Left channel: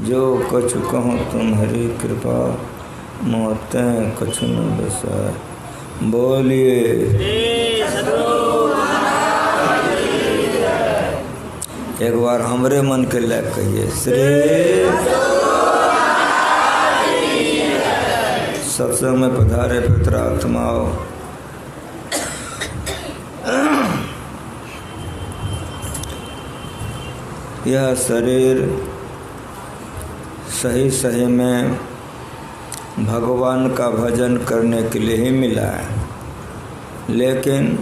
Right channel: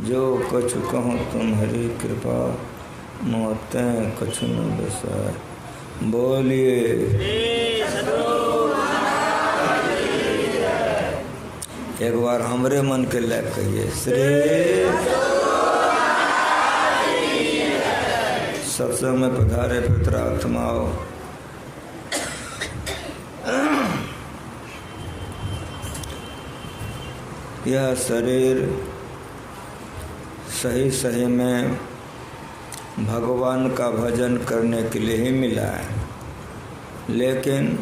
जो कछु कहूँ तुम्हारी कृपा, मोते कछु न बसाए। बोलिए एक बार हमरे मन के लायक कहिए श्री। सत्संग में पधारे पितरात्माओं, यह शरीर सही सही में भगवान का भजन करने के लिए ही मिला है, लेकिन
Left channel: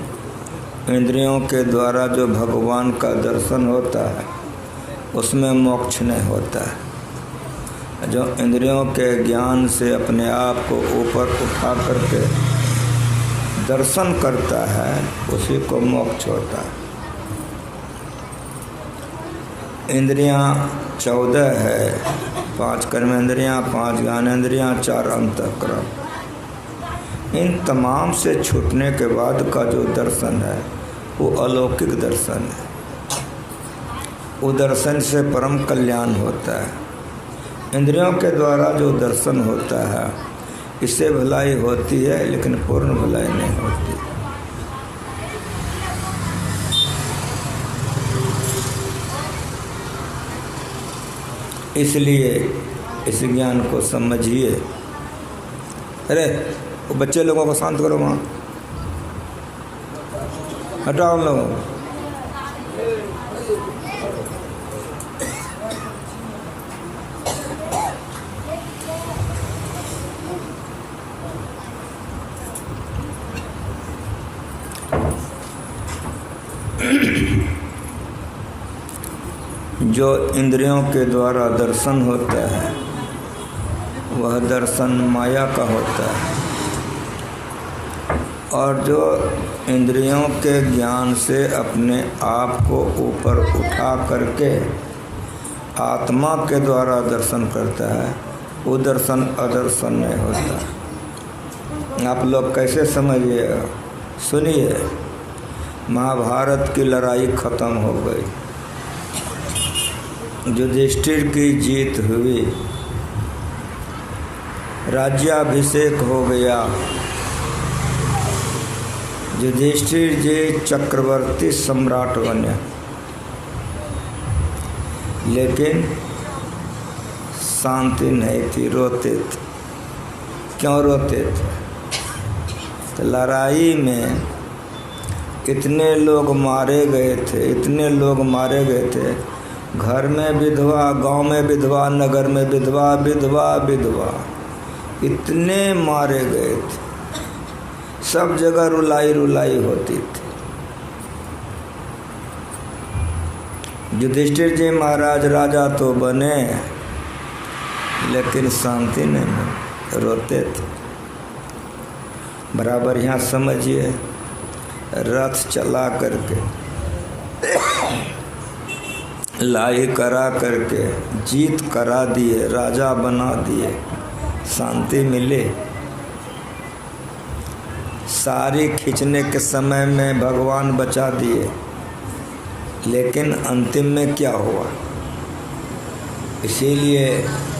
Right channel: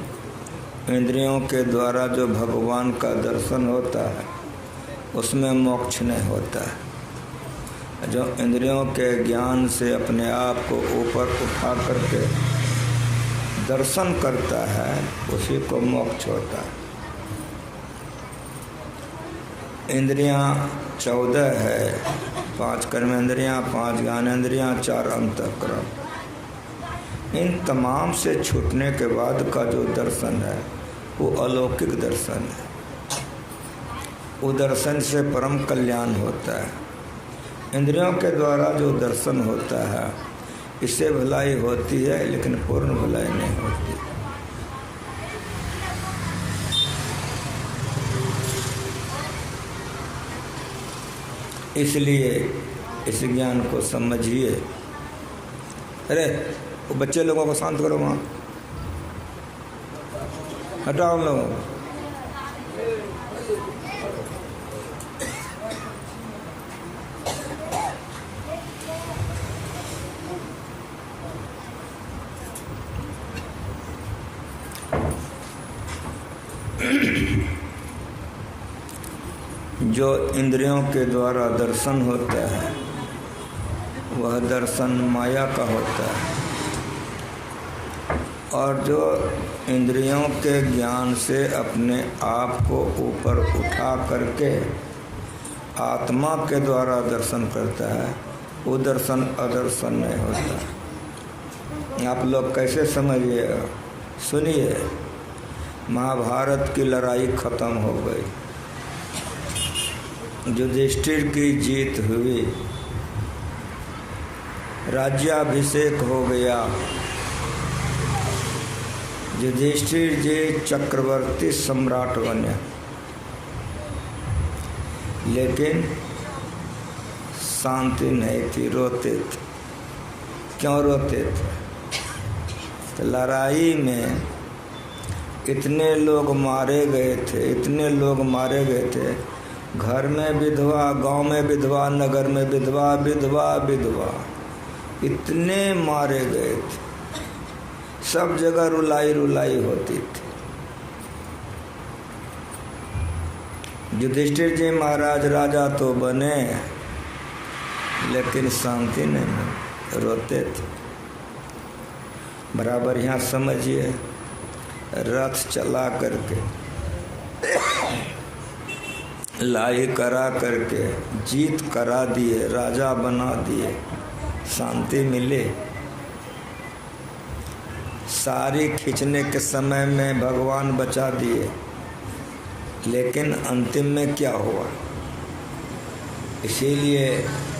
इंद्रियों के द्वारा जो भगवान का दर्शन होता है उसमें मोक्ष नहीं होता है। जो इंद्रियों के ज्ञान से अपने आप को ऊपर उठा करके दर्शन करता है उसी को मोक्ष होता है। इंद्रियां 14 है, 5 कर्मेंद्रियां, 5 ज्ञानेंद्रियां, 4 अंतःकरण। इन तमाम से छूटने के बाद का जो दर्शन है वो अलौकिक दर्शन है। वो दर्शन से परम कल्याण होता है। इंद्रियों के द्वारा जो दर्शन होता है इससे भलाई होती है, लेकिन पूर्ण भलाई नहीं होती। इसलिए इस ज्ञान को समझिए। अरे वो बच्चे लोगों को शांत करो, वहाँ हटाओ लोगों को। जो इंद्रियों के द्वारा दर्शन होता है वह दर्शन माया का होता है, और जो इंद्रियों के ज्ञान से अपने आप को ऊपर उठा करके आत्मा के द्वारा दर्शन करता है वो दर्शन अदर्शन नहीं होता। आप लोग कैसे समझिएगा? सुनिए, महाभारत की लड़ाई खत्म हो गई, युधिष्ठिर की जीत हुई, राज्याभिषेक हो गया, युधिष्ठिर जी चक्रवर्ती सम्राट बने। लेकिन शांति नहीं थी, रोते थे। क्यों रोते थे? तो लड़ाई में इतने लोग मारे गए थे, इतने लोग मारे गए थे। घर में विधवा, गांव में विधवा, नगर में विधवा, विधवा विधवा, इतने मारे गए थे। सब जगह रुलाई रुलाई होती थी। युधिष्ठिर जी महाराज राजा तो बने, लेकिन शांति नहीं मिली, रोते थे। बराबर यहाँ समझिए, रथ चला करके लाई करा करके जीत करा दिए, राजा बना दिए, शांति मिले। सारी खींचने के समय में भगवान बचा दिए, लेकिन अंतिम में क्या हुआ? इसीलिए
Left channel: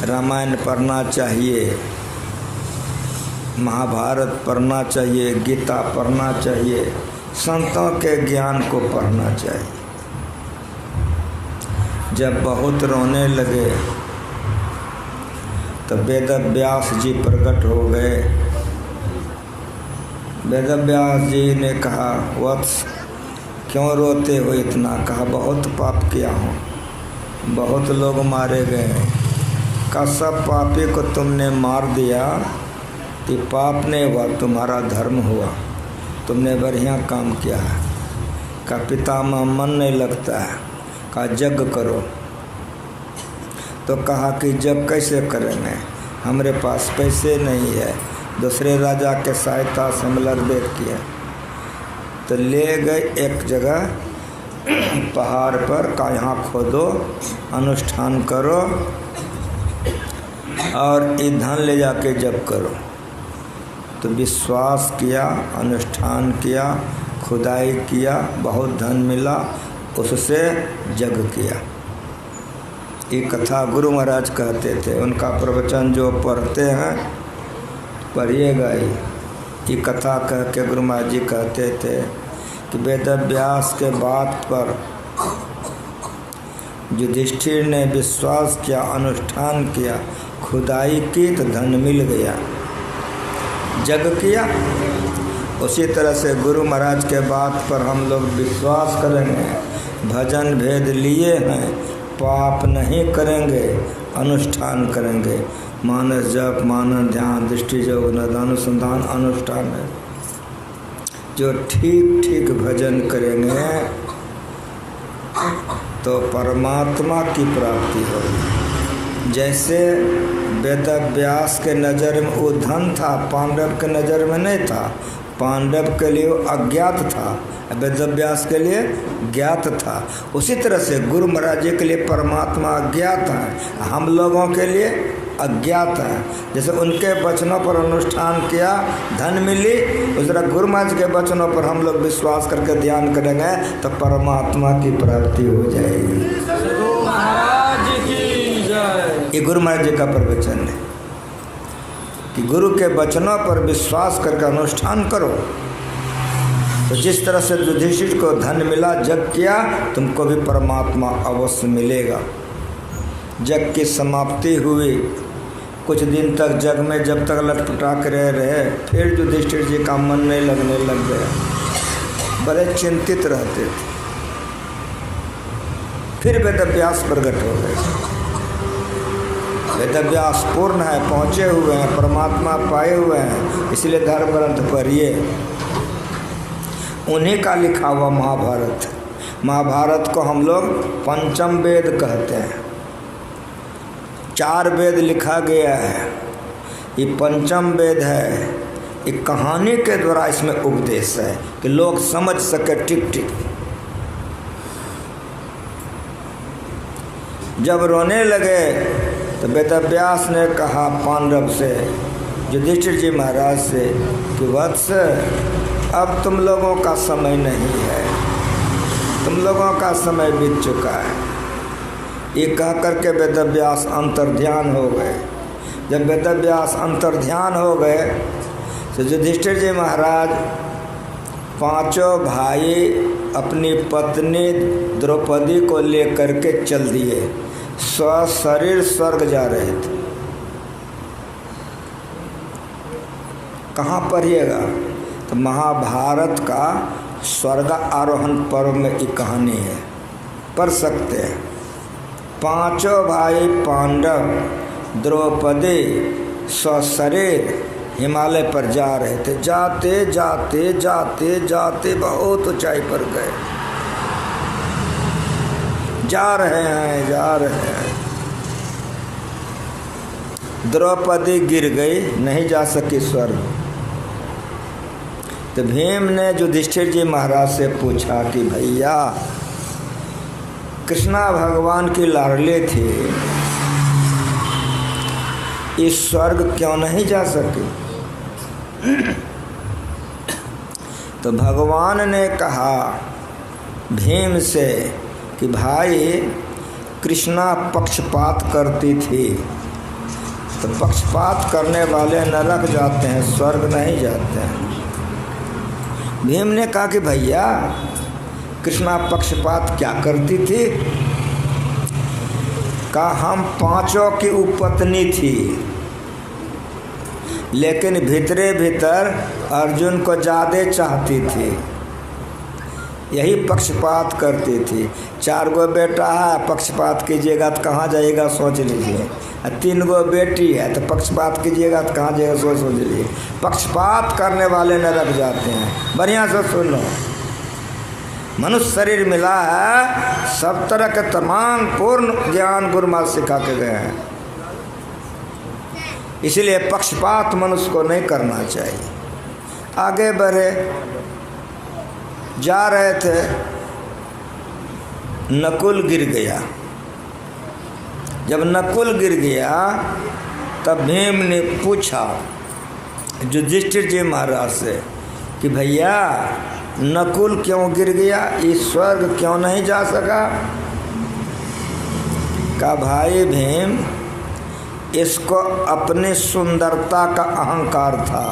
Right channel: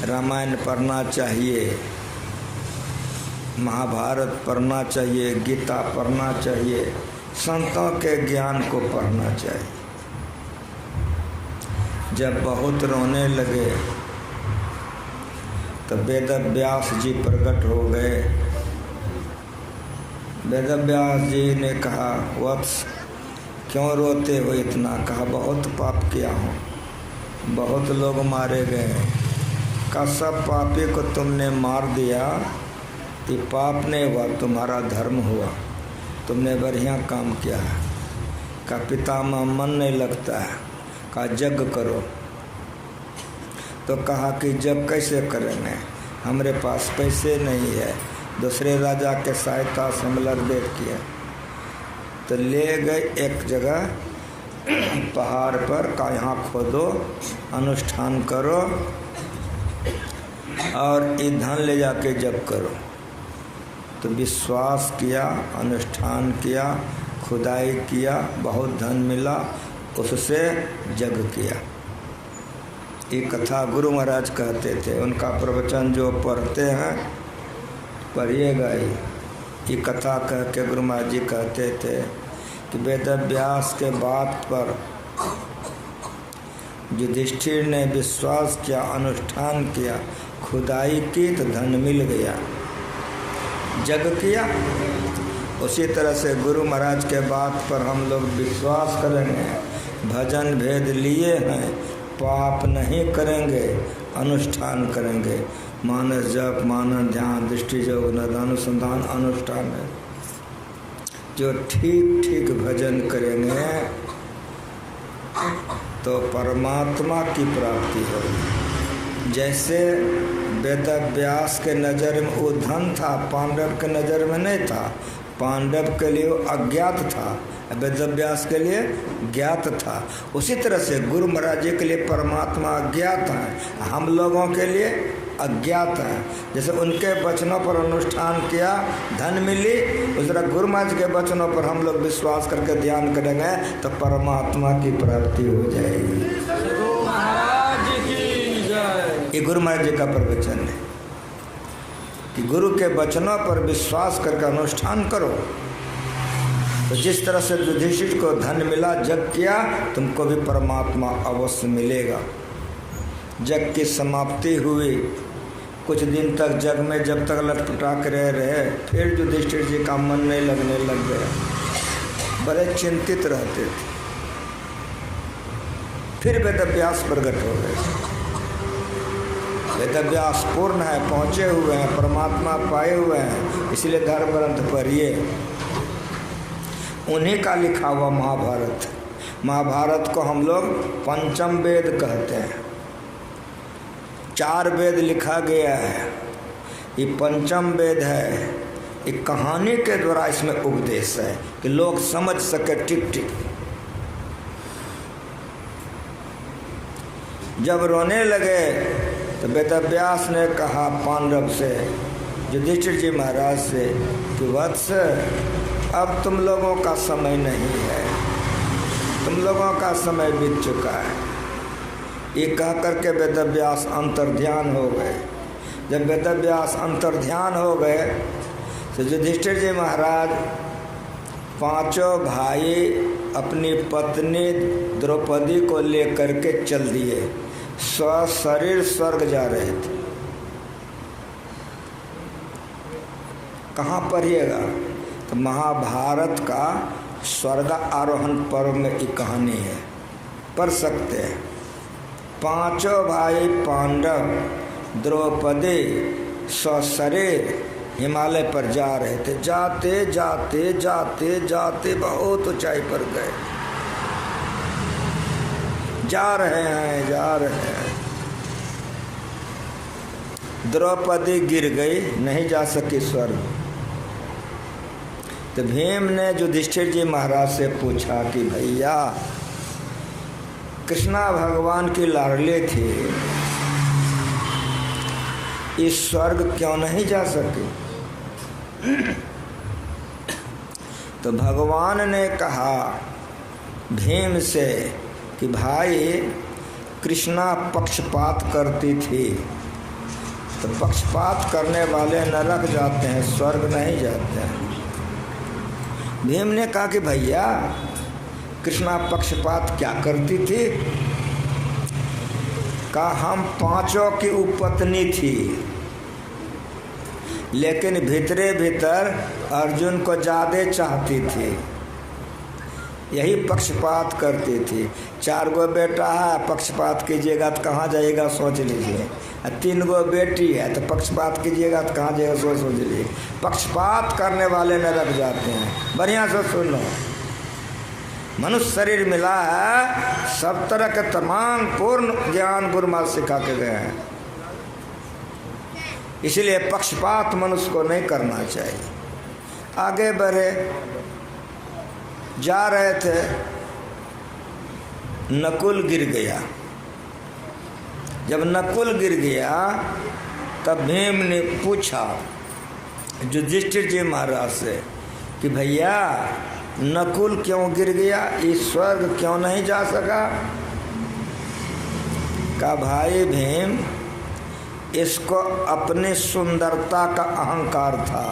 रामायण पढ़ना चाहिए, महाभारत पढ़ना चाहिए, गीता पढ़ना चाहिए, संतों के ज्ञान को पढ़ना चाहिए। जब बहुत रोने लगे तो वेदव्यास जी प्रकट हो गए। वेदव्यास जी ने कहा, वत्स क्यों रोते हो इतना? कहा, बहुत पाप किया हूँ, बहुत लोग मारे गए। कहा, सब पापी को तुमने मार दिया, ये पाप नहीं हुआ, तुम्हारा धर्म हुआ, तुमने बढ़िया काम किया है। कहा, पितामह मन नहीं लगता है। कहा, यज्ञ करो। तो कहा कि यज्ञ कैसे करेंगे, हमारे पास पैसे नहीं है, दूसरे राजा के सहायता से हम लड़बेट किया। तो ले गए एक जगह पहाड़ पर, का यहाँ खोदो, अनुष्ठान करो और ईंधन ले जाके जप करो। तो विश्वास किया, अनुष्ठान किया, खुदाई किया, बहुत धन मिला, उससे जग किया। ये कथा गुरु महाराज कहते थे। उनका प्रवचन जो पढ़ते हैं पढ़िएगा ही। ये कथा कह के गुरु महाराज जी कहते थे कि वेद व्यास के बात पर युधिष्ठिर ने विश्वास किया, अनुष्ठान किया, खुदाई की तो धन मिल गया, जग किया। उसी तरह से गुरु महाराज के बात पर हम लोग विश्वास करेंगे, भजन भेद लिए हैं, पाप नहीं करेंगे, अनुष्ठान करेंगे, मानस जप, मानस ध्यान, दृष्टि योग, अनुसंधान, अनुष्ठान है। जो ठीक ठीक भजन करेंगे तो परमात्मा की प्राप्ति होगी। जैसे वेद व्यास के नज़र में वो धन था, पांडव के नज़र में नहीं था। पांडव के लिए वो अज्ञात था, वेद व्यास के लिए ज्ञात था। उसी तरह से गुरु महाराज जी के लिए परमात्मा अज्ञात है, हम लोगों के लिए अज्ञात है। जैसे उनके वचनों पर अनुष्ठान किया, धन मिली, उस तरह गुरु महाराज के वचनों पर हम लोग विश्वास करके ध्यान करेंगे तो परमात्मा की प्राप्ति हो जाएगी। ये गुरु महाराज जी का प्रवचन है कि गुरु के वचनों पर विश्वास करके अनुष्ठान करो तो जिस तरह से युधिष्ठिर को धन मिला, जग किया, तुमको भी परमात्मा अवश्य मिलेगा। जग की समाप्ति हुई, कुछ दिन तक जग में जब तक लटपटा कर रहे, फिर युधिष्ठिर जी का मन नहीं लगने लग गया, बड़े चिंतित रहते थे। फिर वेद व्यास प्रकट हो गए। वेद व्यास पूर्ण है, पहुँचे हुए हैं, परमात्मा पाए हुए हैं, इसलिए धर्म ग्रंथ पढ़िए। उन्हीं का लिखा हुआ महाभारत। महाभारत को हम लोग पंचम वेद कहते हैं। 4 वेद लिखा गया है, ये पंचम वेद है। एक कहानी के द्वारा इसमें उपदेश है कि लोग समझ सके टिक टिक। जब रोने लगे तो वेद व्यास ने कहा पांडव से, युधिष्ठिर जी महाराज से कि वत्स, अब तुम लोगों का समय नहीं है, तुम लोगों का समय बीत चुका है। ये कह करके वेद व्यास अंतर्ध्यान हो गए। जब वेद व्यास अंतर्ध्यान हो गए तो युधिष्ठिर जी महाराज 5 भाई अपनी पत्नी द्रौपदी को लेकर के चल दिए, शरीर स्वर्ग जा रहे थे। कहाँ पढ़िएगा तो महाभारत का स्वर्ग आरोहण पर्व में एक कहानी है, पढ़ सकते हैं। 5 भाई पांडव द्रौपदी सशरीर हिमालय पर जा रहे थे। जाते जाते जाते जाते बहुत ऊंचाई पर गए, जा रहे हैं। द्रौपदी गिर गई, नहीं जा सकी स्वर्ग। तो भीम ने युधिष्ठिर जी महाराज से पूछा कि भैया, कृष्णा भगवान की लाडली थी, इस स्वर्ग क्यों नहीं जा सकी? तो भगवान ने कहा भीम से कि भाई, कृष्णा पक्षपात करती थी, तो पक्षपात करने वाले नरक जाते हैं, स्वर्ग नहीं जाते हैं। भीम ने कहा कि भैया, कृष्णा पक्षपात क्या करती थी? कहा हम 5 की उपपत्नी थी, लेकिन भीतरे भीतर अर्जुन को ज़्यादा चाहती थी, यही पक्षपात करती थी। 4 गो बेटा है, पक्षपात कीजिएगा तो कहाँ जाइएगा सोच लीजिए। 3 गो बेटी है तो पक्षपात कीजिएगा तो कहाँ जाइएगा सोच लीजिए। पक्षपात करने वाले नरक जाते हैं। बढ़िया से सुन लो, मनुष्य शरीर मिला है, सब तरह के तमाम पूर्ण ज्ञान गुरु महाराज सिखा के गए हैं, इसलिए पक्षपात मनुष्य को नहीं करना चाहिए। आगे बढ़े, जा रहे थे, नकुल गिर गया। जब नकुल गिर गया तब भीम ने पूछा युधिष्ठिर जी महाराज से कि भैया, नकुल क्यों गिर गया, इस स्वर्ग क्यों नहीं जा सका? का भाई भीम, इसको अपनी सुंदरता का अहंकार था।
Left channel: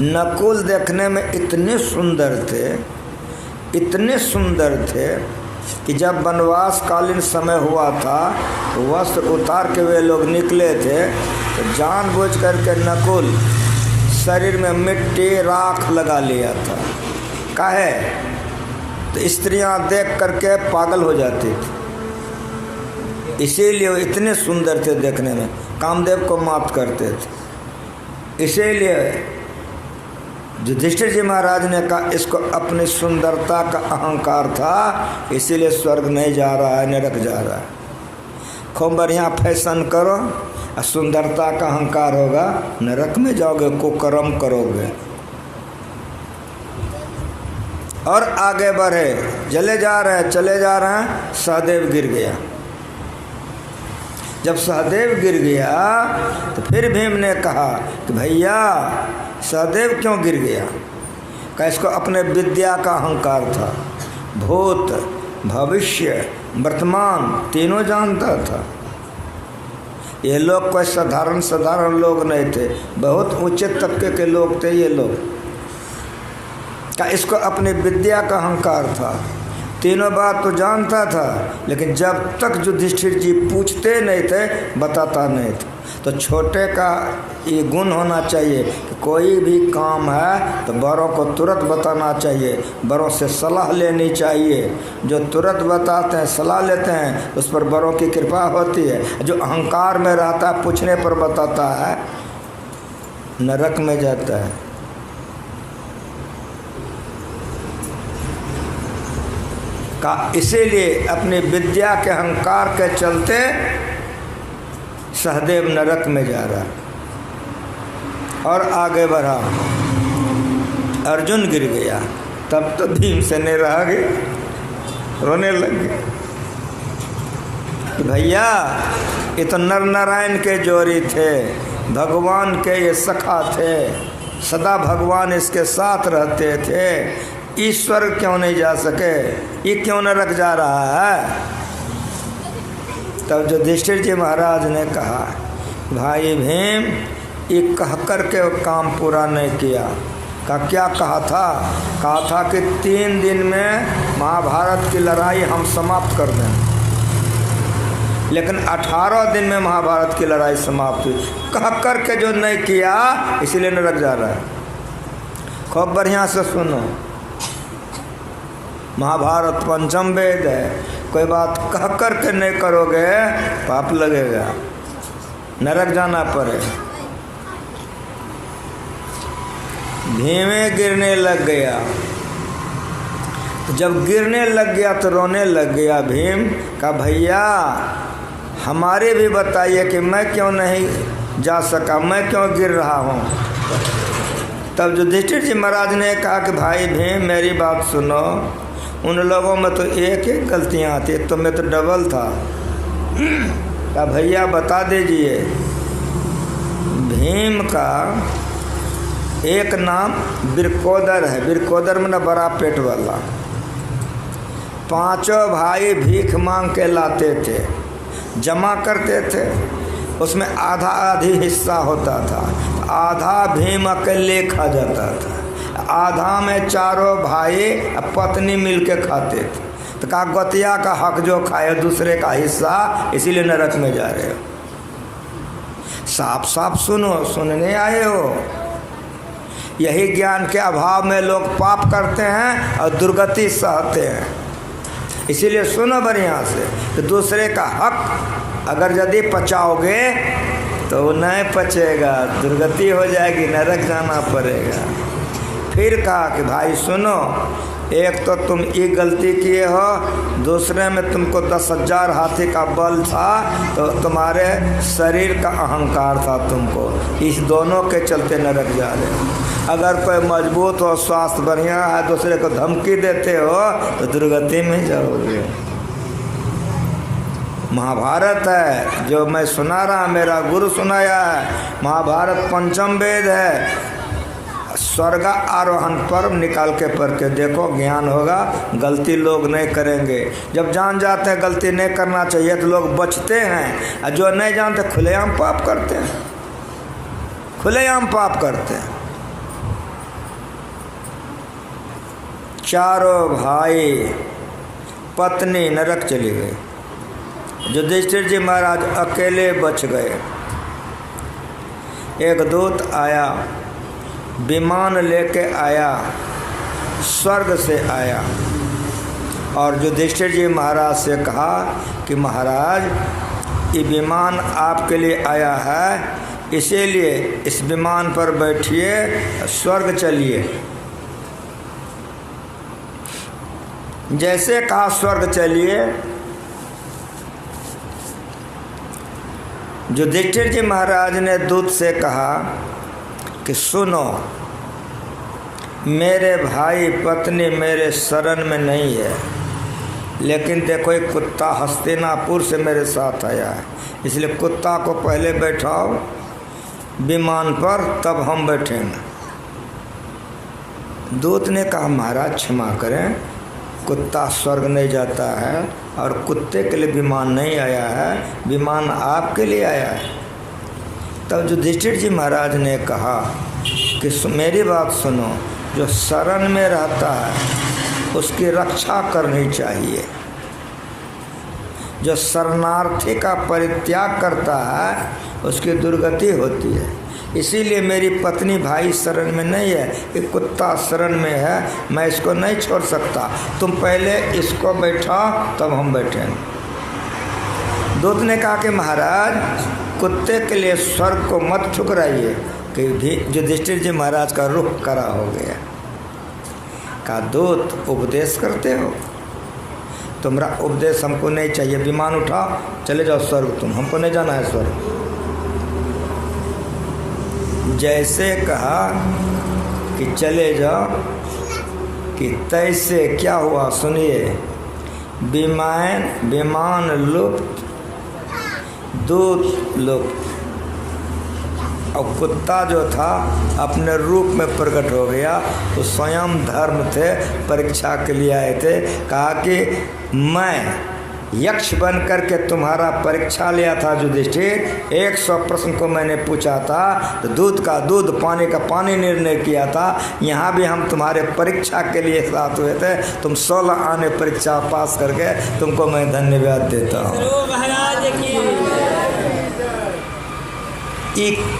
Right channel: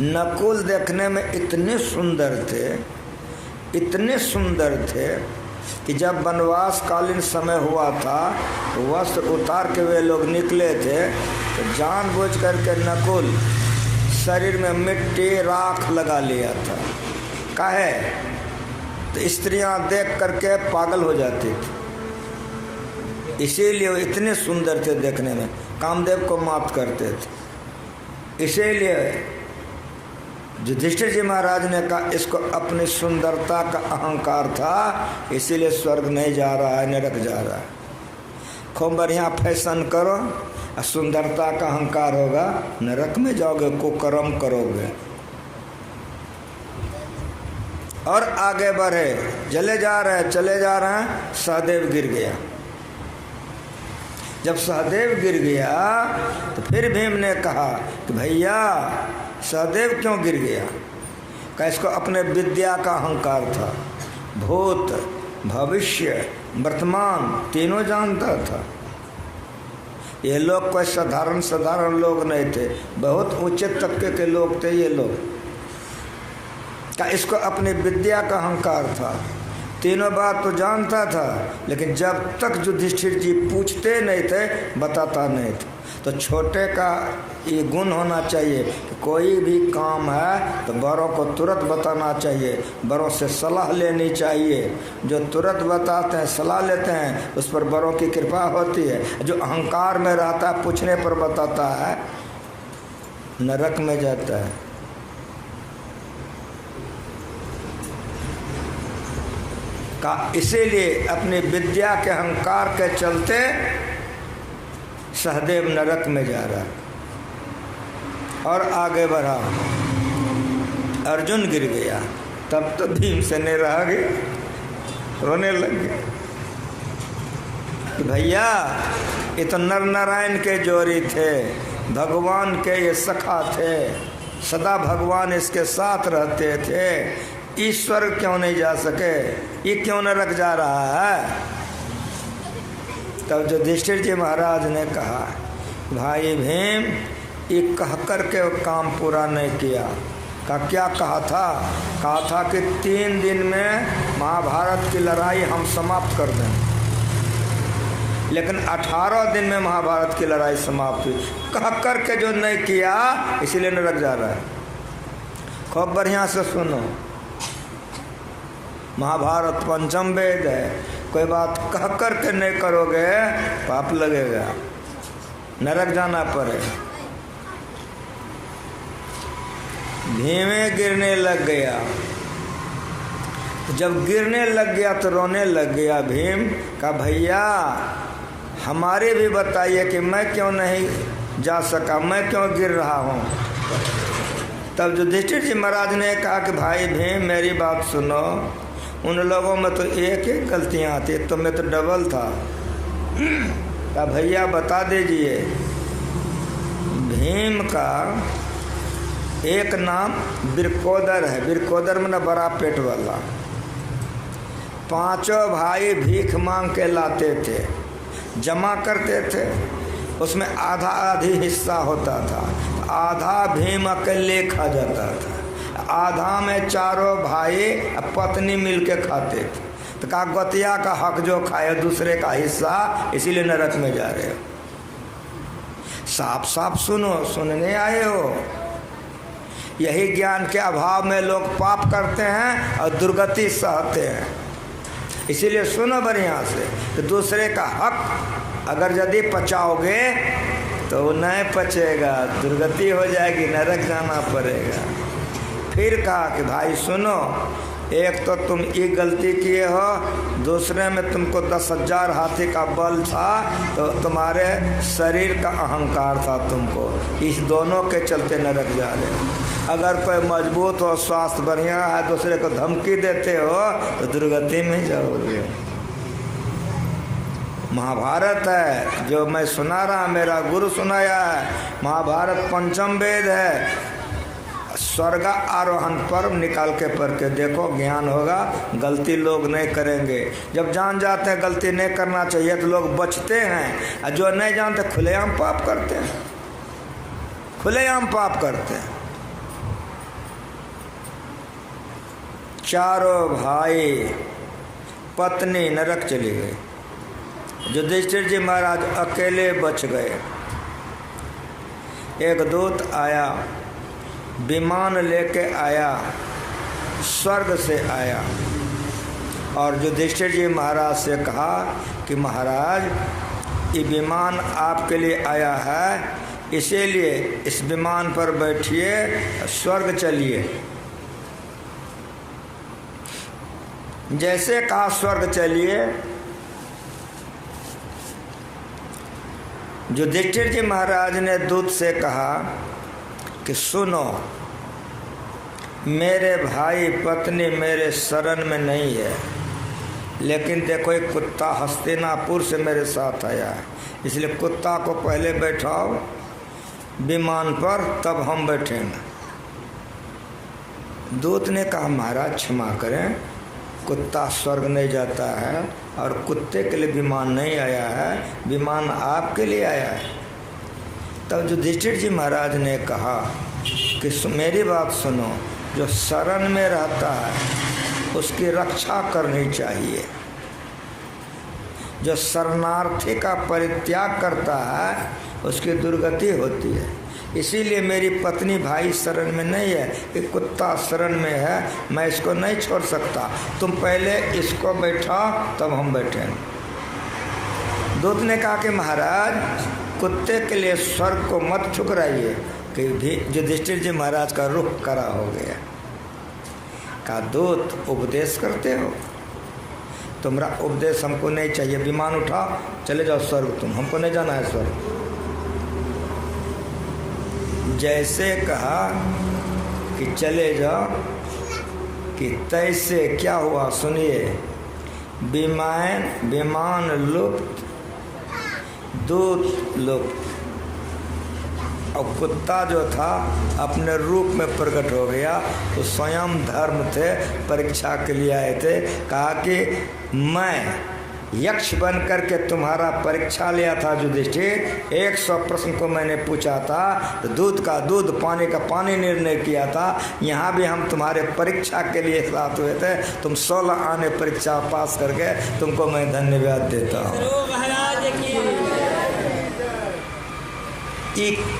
नकुल देखने में इतने सुंदर थे कि जब वनवास कालीन समय हुआ था, वस्त्र उतार के वे लोग निकले थे, तो जानबूझ करके नकुल शरीर में मिट्टी राख लगा लिया था। काहे? तो स्त्रियां देख करके पागल हो जाती थी, इसीलिए वो इतने सुंदर थे देखने में, कामदेव को मात करते थे। इसीलिए युधिष्ठिर जी महाराज ने कहा इसको अपनी सुंदरता का अहंकार था, इसीलिए स्वर्ग नहीं जा रहा है, नरक जा रहा है। खूब बढ़िया फैशन करो, सुंदरता का अहंकार होगा, नरक में जाओगे, कुकर्म करोगे। और आगे बढ़े, चले जा रहे हैं, सहदेव गिर गया। जब सहदेव गिर गया तो फिर भीम ने कहा कि भैया सहदेव क्यों गिर गया? का इसको अपने विद्या का अहंकार था, भूत भविष्य वर्तमान तीनों जानता था। ये लोग कोई साधारण लोग नहीं थे, बहुत ऊंचे तबके के लोग थे ये लोग। का इसको अपनी विद्या का अहंकार था, तीनों बात तो जानता था, लेकिन जब तक युधिष्ठिर जी पूछते नहीं थे, बताता नहीं था। तो छोटे का ये गुण होना चाहिए कि कोई भी काम है तो बड़ों को तुरंत बताना चाहिए, बड़ों से सलाह लेनी चाहिए। जो तुरंत बताते हैं, सलाह लेते हैं, उस पर बड़ों की कृपा होती है। जो अहंकार में रहता है, पूछने पर बताता है, नरक में जाता है। इसीलिए अपनी विद्या के अहंकार के चलते सहदेव नरक में जा रहा। और आगे बढ़ा, अर्जुन गिर गया, तब तो भीमसेन ने रह गए, रोने लगे। भैया ये तो नर नारायण के जोड़ी थे, भगवान के ये सखा थे, सदा भगवान इसके साथ रहते थे, ईश्वर क्यों नहीं जा सके, ये क्यों नरक जा रहा है? तब युधिष्ठिर जी महाराज ने कहा, भाई भीम ये कह कर के काम पूरा नहीं किया। का क्या कहा था कि 3 दिन में महाभारत की लड़ाई हम समाप्त कर दें, लेकिन 18 दिन में महाभारत की लड़ाई समाप्त हुई। कह कर के जो नहीं किया, इसीलिए नरक जा रहा है। खूब बढ़िया से सुनो, महाभारत पंचम वेद है, कोई बात कह कर के नहीं करोगे पाप लगेगा, नरक जाना पड़ेगा। भीमे गिरने लग गया, जब गिरने लग गया तो रोने लग गया। भीम का भैया हमारे भी बताइए कि मैं क्यों नहीं जा सका, मैं क्यों गिर रहा हूँ। तब युधिष्ठिर जी महाराज ने कहा कि भाई भीम मेरी बात सुनो, उन लोगों में तो एक एक गलतियाँ थी, तो मैं तो डबल था। क्या भैया बता दीजिए। भीम का एक नाम बिरकोदर है, बिरकोदर में बड़ा पेट वाला। 5 भाई भीख मांग के लाते थे, जमा करते थे, उसमें आधा आधी हिस्सा होता था, आधा भीम अकेले खा जाता था, आधा में चारों भाई पत्नी मिलके खाते थे। तो कहा गतिया का हक जो खाए दूसरे का हिस्सा, इसीलिए नरक में जा रहे हो। साफ साफ सुनो, सुनने आए हो। यही ज्ञान के अभाव में लोग पाप करते हैं और दुर्गति सहते हैं। इसीलिए सुनो बढ़िया से कि दूसरे का हक अगर यदि पचाओगे तो नहीं पचेगा, दुर्गति हो जाएगी, नरक जाना पड़ेगा। फिर कहा कि भाई सुनो, एक तो तुम ये गलती किए हो, दूसरे में तुमको 10,000 हाथी का बल था, तो तुम्हारे शरीर का अहंकार था तुमको, इस दोनों के चलते नरक जा रहे। अगर कोई मजबूत हो, स्वास्थ्य बढ़िया है, दूसरे को धमकी देते हो तो दुर्गति में जाओगे। महाभारत है जो मैं सुना रहा, मेरा गुरु सुनाया है। महाभारत पंचम वेद है, स्वर्ग आरोहण पर्व निकाल के पढ़ के देखो, ज्ञान होगा। गलती लोग नहीं करेंगे। जब जान जाते हैं गलती नहीं करना चाहिए तो लोग बचते हैं, और जो नहीं जानते खुलेआम पाप करते हैं, खुलेआम पाप करते हैं। चारों भाई पत्नी नरक चली गई। युधिष्ठिर जी महाराज अकेले बच गए। एक दूत आया, विमान लेके आया, स्वर्ग से आया, और युधिष्ठिर जी महाराज से कहा कि महाराज ये विमान आपके लिए आया है, इसीलिए इस विमान पर बैठिए, स्वर्ग चलिए। जैसे कहा स्वर्ग चलिए, युधिष्ठिर जी महाराज ने दूत से कहा कि सुनो, मेरे भाई पत्नी मेरे शरण में नहीं है, लेकिन देखो एक कुत्ता हस्तिनापुर से मेरे साथ आया है, इसलिए कुत्ता को पहले बैठाओ विमान पर, तब हम बैठेंगे। दूत ने कहा महाराज क्षमा करें, कुत्ता स्वर्ग नहीं जाता है और कुत्ते के लिए विमान नहीं आया है, विमान आपके लिए आया है। तब युधिष्ठिर जी महाराज ने कहा कि मेरी बात सुनो, जो शरण में रहता है उसकी रक्षा करनी चाहिए, जो शरणार्थी का परित्याग करता है उसकी दुर्गति होती है। इसीलिए मेरी पत्नी भाई शरण में नहीं है, एक कुत्ता शरण में है, मैं इसको नहीं छोड़ सकता, तुम पहले इसको बैठा तब हम बैठेंगे। दूत ने कहा कि महाराज कुत्ते के लिए स्वर्ग को मत ठुकराइए, कि युधिष्ठिर जी महाराज का रुख करा हो गया। कहा दूत उपदेश करते हो, तुम्हारा उपदेश हमको नहीं चाहिए, विमान उठाओ चले जाओ स्वर्ग, तुम हमको नहीं जाना है स्वर्ग। जैसे कहा कि चले जाओ, कि तैसे क्या हुआ सुनिए, विमान लुप्त, दूत लुप्त, और कुत्ता जो था अपने रूप में प्रकट हो गया। तो स्वयं धर्म थे, परीक्षा के लिए आए थे। कहा कि मैं यक्ष बन करके तुम्हारा परीक्षा लिया था युधिष्ठिर, 100 प्रश्न को मैंने पूछा था, तो दूध का दूध पानी का पानी निर्णय किया था। यहाँ भी हम तुम्हारे परीक्षा के लिए साथ हुए थे, तुम 16 आने परीक्षा पास करके तुमको मैं धन्यवाद देता हूँ।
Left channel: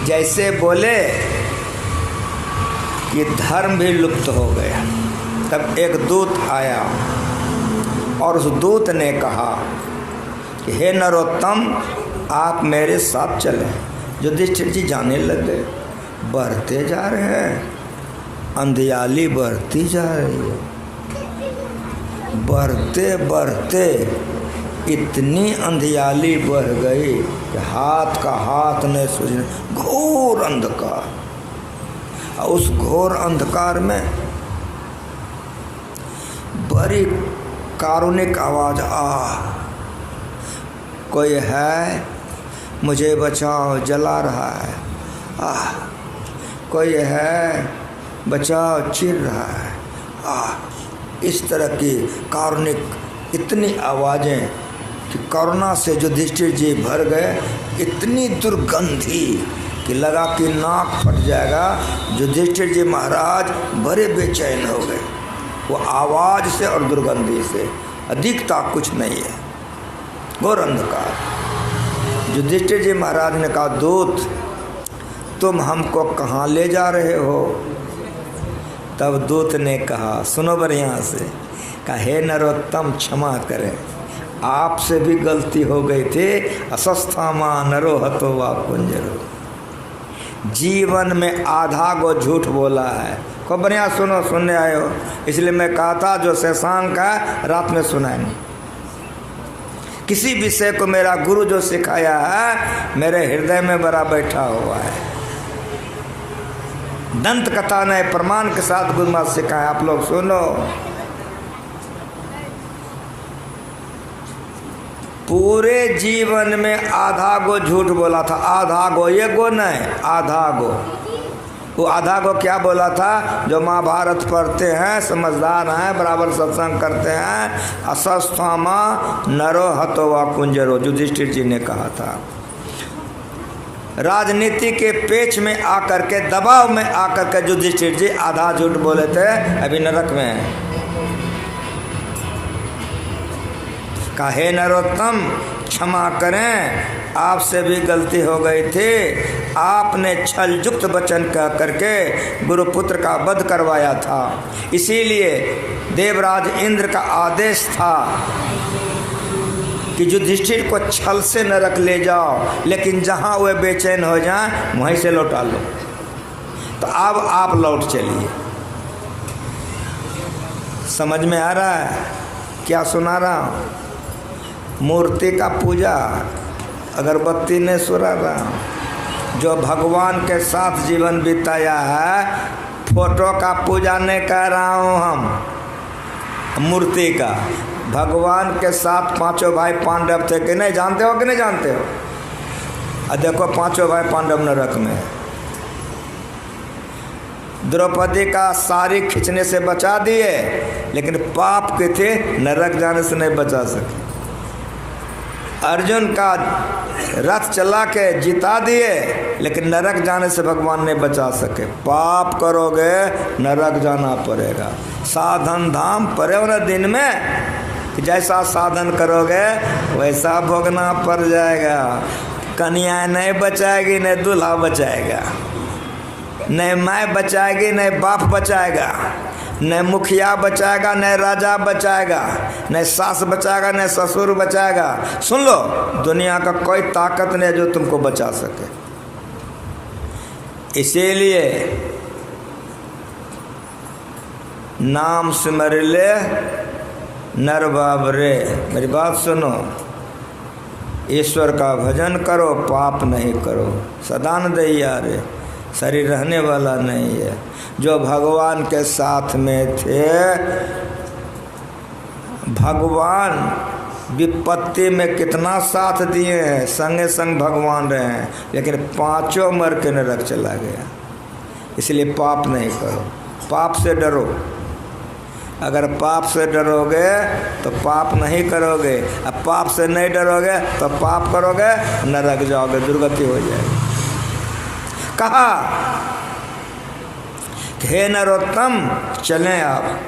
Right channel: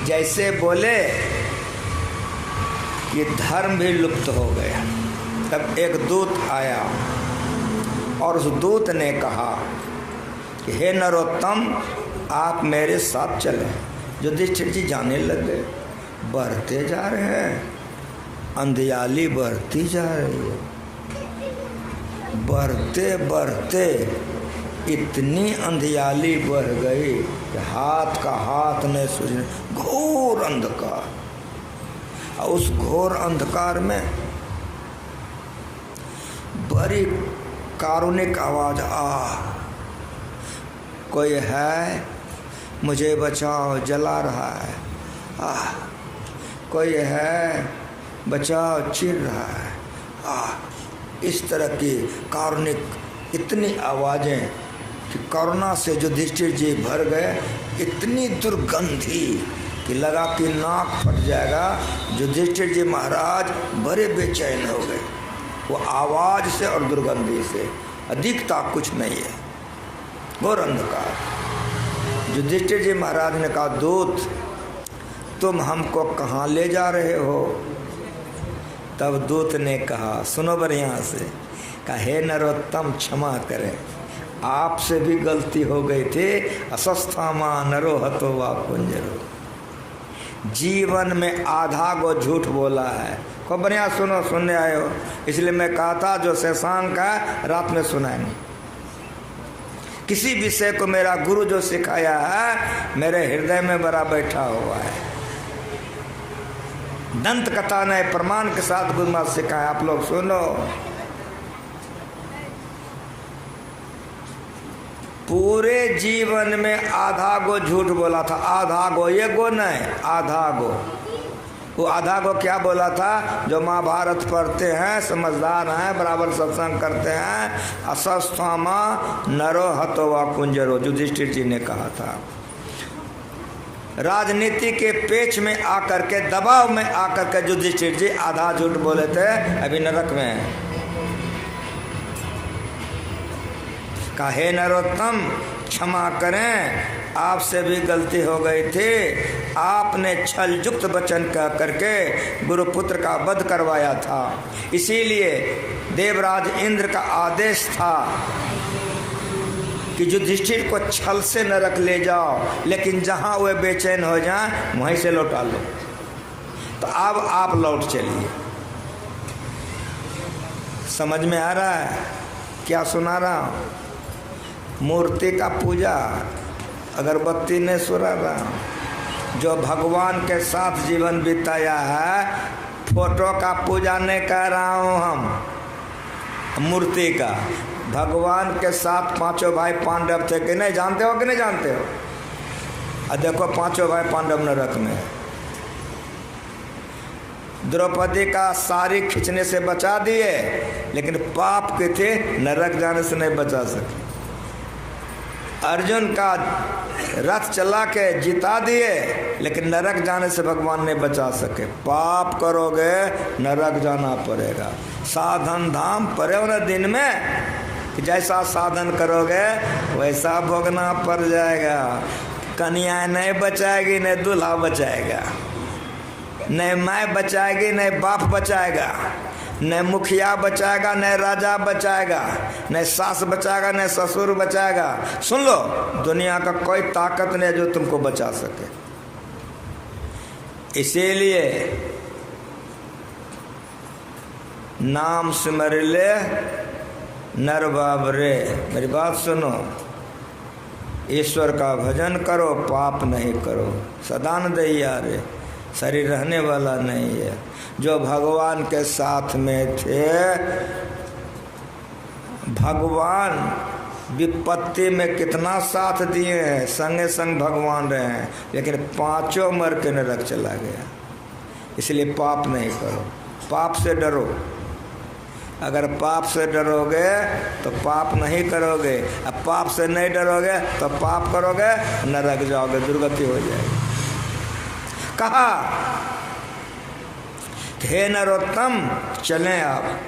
जैसे बोले कि धर्म भी लुप्त हो गया। तब एक दूत आया और उस दूत ने कहा कि हे नरोत्तम, आप मेरे साथ चलें। युधिष्ठिर जी जाने लगे, बढ़ते जा रहे हैं, अंधियाली बढ़ती जा रही है, बढ़ते बढ़ते इतनी अंधियाली बढ़ गई कि हाथ का हाथ नहीं सूझने, घोर अंधकार। उस घोर अंधकार में बड़ी कारुणिक आवाज, कोई है, मुझे बचाओ, जला रहा है, कोई है, बचाओ, चिर रहा है। इस तरह की कारुणिक इतनी आवाजें कि करुणा से युधिष्ठिर जी भर गए। इतनी दुर्गंधी कि लगा कि नाक फट जाएगा। युधिष्ठिर जी महाराज बड़े बेचैन हो गए, वो आवाज से और दुर्गंधी से, अधिकता कुछ नहीं है, घोर अंधकार। युधिष्ठिर जी महाराज ने कहा दूत, तुम हमको कहाँ ले जा रहे हो? तब दूत ने कहा, सुनो बढ़िया से, कहा हे नरोत्तम क्षमा करें, आपसे भी गलती हो गई थी। असस्थामा नरो हतो वा कुंजरो, जीवन में आधा गो झूठ बोला है। को बढ़िया सुनो, सुनने आए हो, इसलिए मैं कहा था जो शशांक है रात में सुनाएंगे। किसी विषय को मेरा गुरु जो सिखाया है मेरे हृदय में बड़ा बैठा हुआ है। दंत कथा ने प्रमाण के साथ गुरु महाराज सिखाया, आप लोग सुनो। पूरे जीवन में आधा गो झूठ बोला था, आधा गो, ये गो नहीं, आधा गो। वो आधा को क्या बोला था? जो महाभारत पढ़ते हैं, समझदार हैं, बराबर सत्संग करते हैं, असस्थामा नरो हतो वा कुंजरो, युधिष्ठिर जी ने कहा था। राजनीति के पेच में आकर के, दबाव में आकर के युधिष्ठिर जी आधा झूठ बोले थे, अभी नरक में है। कहे नरोत्तम क्षमा करें, आपसे भी गलती हो गई थी। आपने छल युक्त वचन कह करके गुरुपुत्र का वध करवाया था, इसीलिए देवराज इंद्र का आदेश था कि युधिष्ठिर को छल से नरक ले जाओ, लेकिन जहां वे बेचैन हो जाएं वहीं से लौटा लो। तो अब आप लौट चलिए। समझ में आ रहा है क्या सुना रहा हूं? मूर्ति का पूजा, अगरबत्ती ने सुना रहा। जो भगवान के साथ जीवन बिताया है, फोटो का पूजा नहीं कर रहा हूं हम, मूर्ति का। भगवान के साथ पांचों भाई पांडव थे कि नहीं, जानते हो कि नहीं जानते हो? और देखो पांचों भाई पांडव नरक में। द्रौपदी का साड़ी खींचने से बचा दिए, लेकिन पाप के थे, नरक जाने से नहीं बचा सके। अर्जुन का रथ चला के जिता दिए, लेकिन नरक जाने से भगवान ने बचा सके। पाप करोगे नरक जाना पड़ेगा। साधन धाम पड़े न दिन में, जैसा साधन करोगे वैसा भोगना पड़ जाएगा। कन्या नहीं बचाएगी, नहीं दूल्हा बचाएगा, नहीं माँ बचाएगी, नहीं बाप बचाएगा, न मुखिया बचाएगा, न राजा बचाएगा, न सास बचाएगा, न ससुर बचाएगा। सुन लो, दुनिया का कोई ताकत नहीं जो तुमको बचा सके। इसीलिए नाम सिमर ले नर बाबरे। मेरी बात सुनो, ईश्वर का भजन करो, पाप नहीं करो। सदानंद रे, शरीर रहने वाला नहीं है। जो भगवान के साथ में थे, भगवान विपत्ति में कितना साथ दिए हैं, संगे संग भगवान रहे हैं, लेकिन पांचों मर के नरक चला गया। इसलिए पाप नहीं करो, पाप से डरो। अगर पाप से डरोगे तो पाप नहीं करोगे, अब पाप से नहीं डरोगे तो पाप करोगे, नरक जाओगे, दुर्गति हो जाएगी। कहा हे नरोत्तम चलें आप।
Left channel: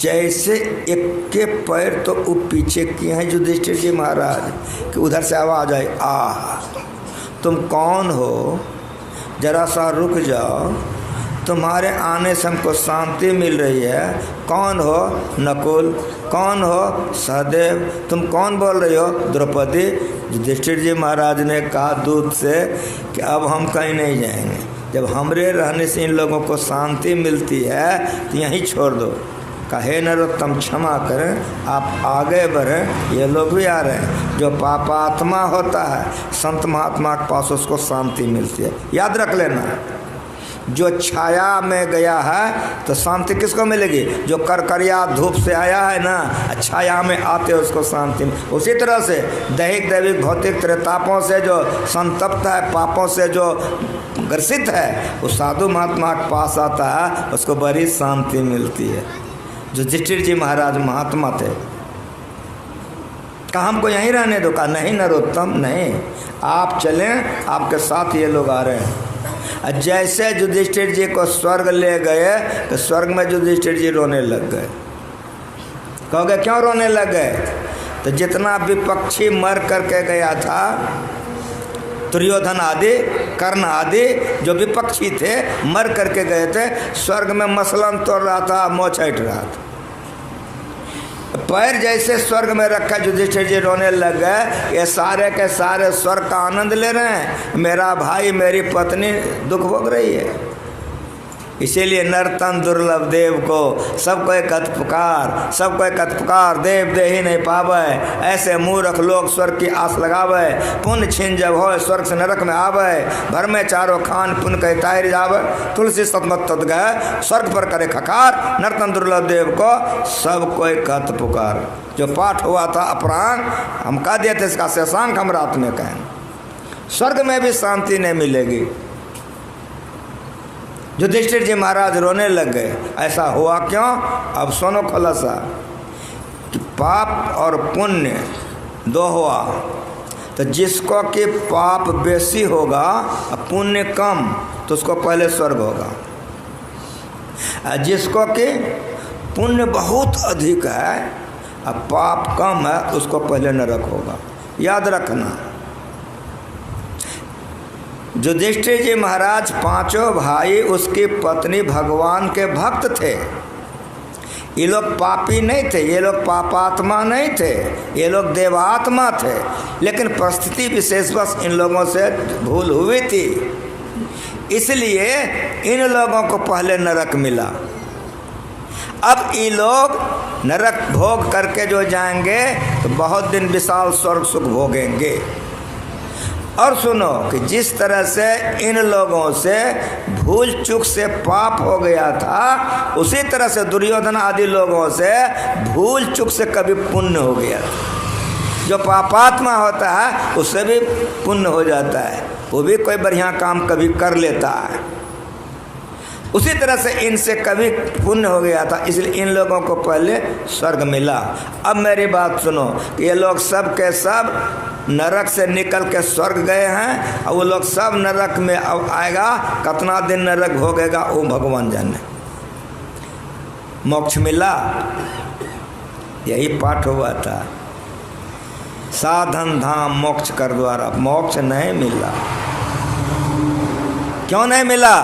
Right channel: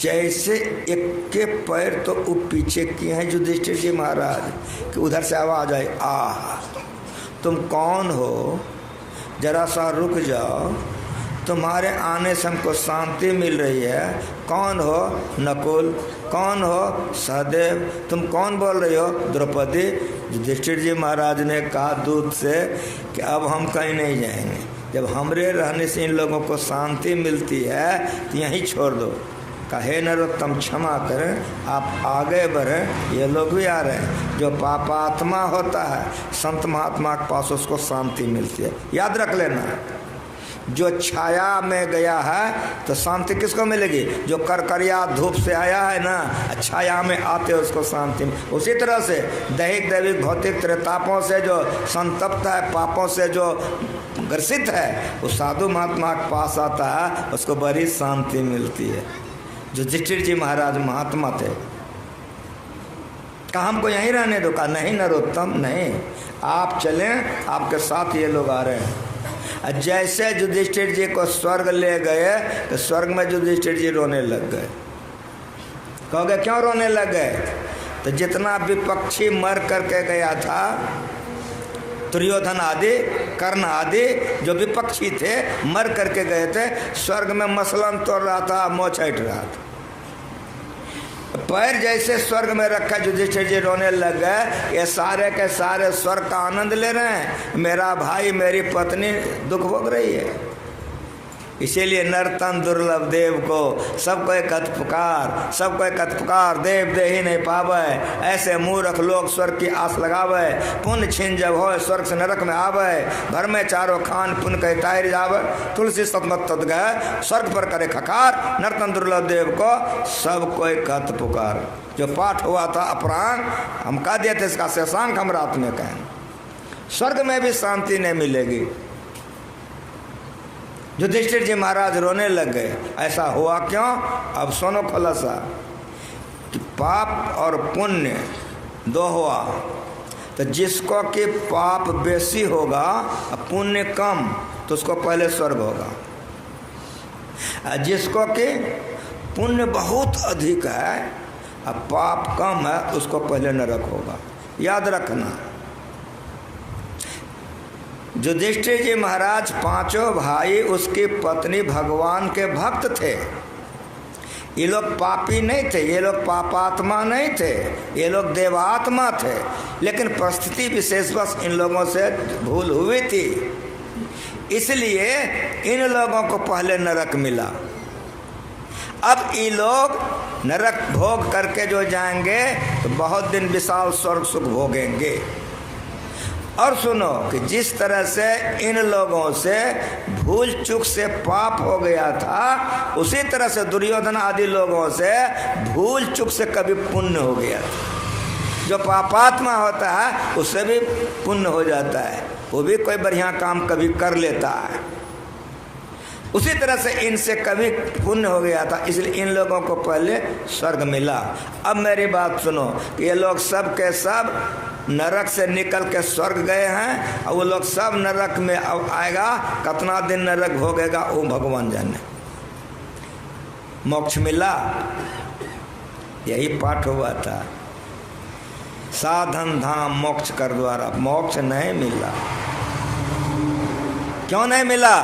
जैसे एक के पैर तो वो पीछे किए हैं युधिष्ठिर जी महाराज कि उधर से आवाज आई, तुम कौन हो, जरा सा रुक जाओ, तुम्हारे आने से हमको शांति मिल रही है। कौन हो नकुल, कौन हो सहदेव, तुम कौन बोल रही हो द्रौपदी। युधिष्ठिर जी महाराज ने कहा दूत से कि अब हम कहीं नहीं जाएंगे, जब हमरे रहने से इन लोगों को शांति मिलती है तो यहीं छोड़ दो। कहे नरोत्तम क्षमा करें, आप आगे बढ़ें, ये लोग भी आ रहे हैं। जो पापात्मा होता है संत महात्मा के पास उसको शांति मिलती है, याद रख लेना। जो छाया में गया है तो शांति किसको मिलेगी? जो करकरिया धूप से आया है ना, छाया में आते उसको शांति। उसी तरह से दैहिक दैविक भौतिक त्रितापों से जो संतप्त है, पापों से जो ग्रसित है, वो साधु महात्मा के पास आता है, उसको बड़ी शांति मिलती है। जो युधिष्ठिर जी महाराज महात्मा थे, कहा हमको यहीं रहने दो। कहा नहीं नरोत्तम नहीं, आप चलें, आपके साथ ये लोग आ रहे हैं। जैसे युधिष्ठिर जी को स्वर्ग ले गए तो स्वर्ग में युधिष्ठिर जी रोने लग गए। कहोगे क्यों रोने लग गए? तो जितना विपक्षी मर करके गया था, दुर्योधन आदि, कर्ण आदि जो विपक्षी थे मर करके गए थे, स्वर्ग में मसलन तोड़ रहा था, मोह छाट रहा था। पैर जैसे स्वर्ग में रखा युधिष्ठिर जी रोने लग गए। ये सारे के सारे स्वर्ग का आनंद ले रहे हैं, मेरा भाई मेरी पत्नी दुख भोग रही है। इसीलिए नरतन दुर्लभ देव को सबको कथ पुकार, सबको कथ पुकार, देव दे ही नहीं पावे। ऐसे मूर्ख लोग स्वर्ग की आस लगावे, पुण्य छीन जब हो स्वर्ग से नरक में आवे। भर में चारों खान पुण्य कह तायर जावे, तुलसी सतमत तद गए स्वर्ग पर करे खकार। नरतन दुर्लभ देव को सब कोई कथ पुकार। जो पाठ हुआ था अपरांग, हम कह दिए थे इसका शशांक हम रात में कहें। स्वर्ग में भी शांति नहीं मिलेगी। युधिष्ठिर जी महाराज रोने लग गए। ऐसा हुआ क्यों? अब सुनो खुलासा कि पाप और पुण्य दो हुआ, तो जिसको कि पाप बेसी होगा और पुण्य कम तो उसको पहले स्वर्ग होगा, और जिसको कि पुण्य बहुत अधिक है और पाप कम है उसको पहले नरक होगा। याद रखना, युधिष्ठिर जी महाराज पांचों भाई उसकी पत्नी भगवान के भक्त थे। ये लोग पापी नहीं थे, ये लोग पापात्मा नहीं थे, ये लोग देवात्मा थे, लेकिन परिस्थिति विशेषवश इन लोगों से भूल हुई थी, इसलिए इन लोगों को पहले नरक मिला। अब ये लोग नरक भोग करके जो जाएंगे तो बहुत दिन विशाल स्वर्ग सुख भोगेंगे। और सुनो कि जिस तरह से इन लोगों से भूल चूक से पाप हो गया था, उसी तरह से दुर्योधन आदि लोगों से भूल चूक से कभी पुण्य हो गया था। जो पापात्मा होता है उससे भी पुण्य हो जाता है, वो भी कोई बढ़िया काम कभी कर लेता है। उसी तरह से इनसे कभी पुण्य हो गया था, इसलिए इन लोगों को पहले स्वर्ग मिला। अब मेरी बात सुनो, ये लोग सब के सब नरक से निकल के स्वर्ग गए हैं, और वो लोग सब नरक में अब आएगा, कितना दिन नरक भोगेगा वो भगवान जाने। मोक्ष मिला, यही पाठ हुआ था, साधन धाम मोक्ष कर द्वारा। मोक्ष नहीं मिला। क्यों नहीं मिला?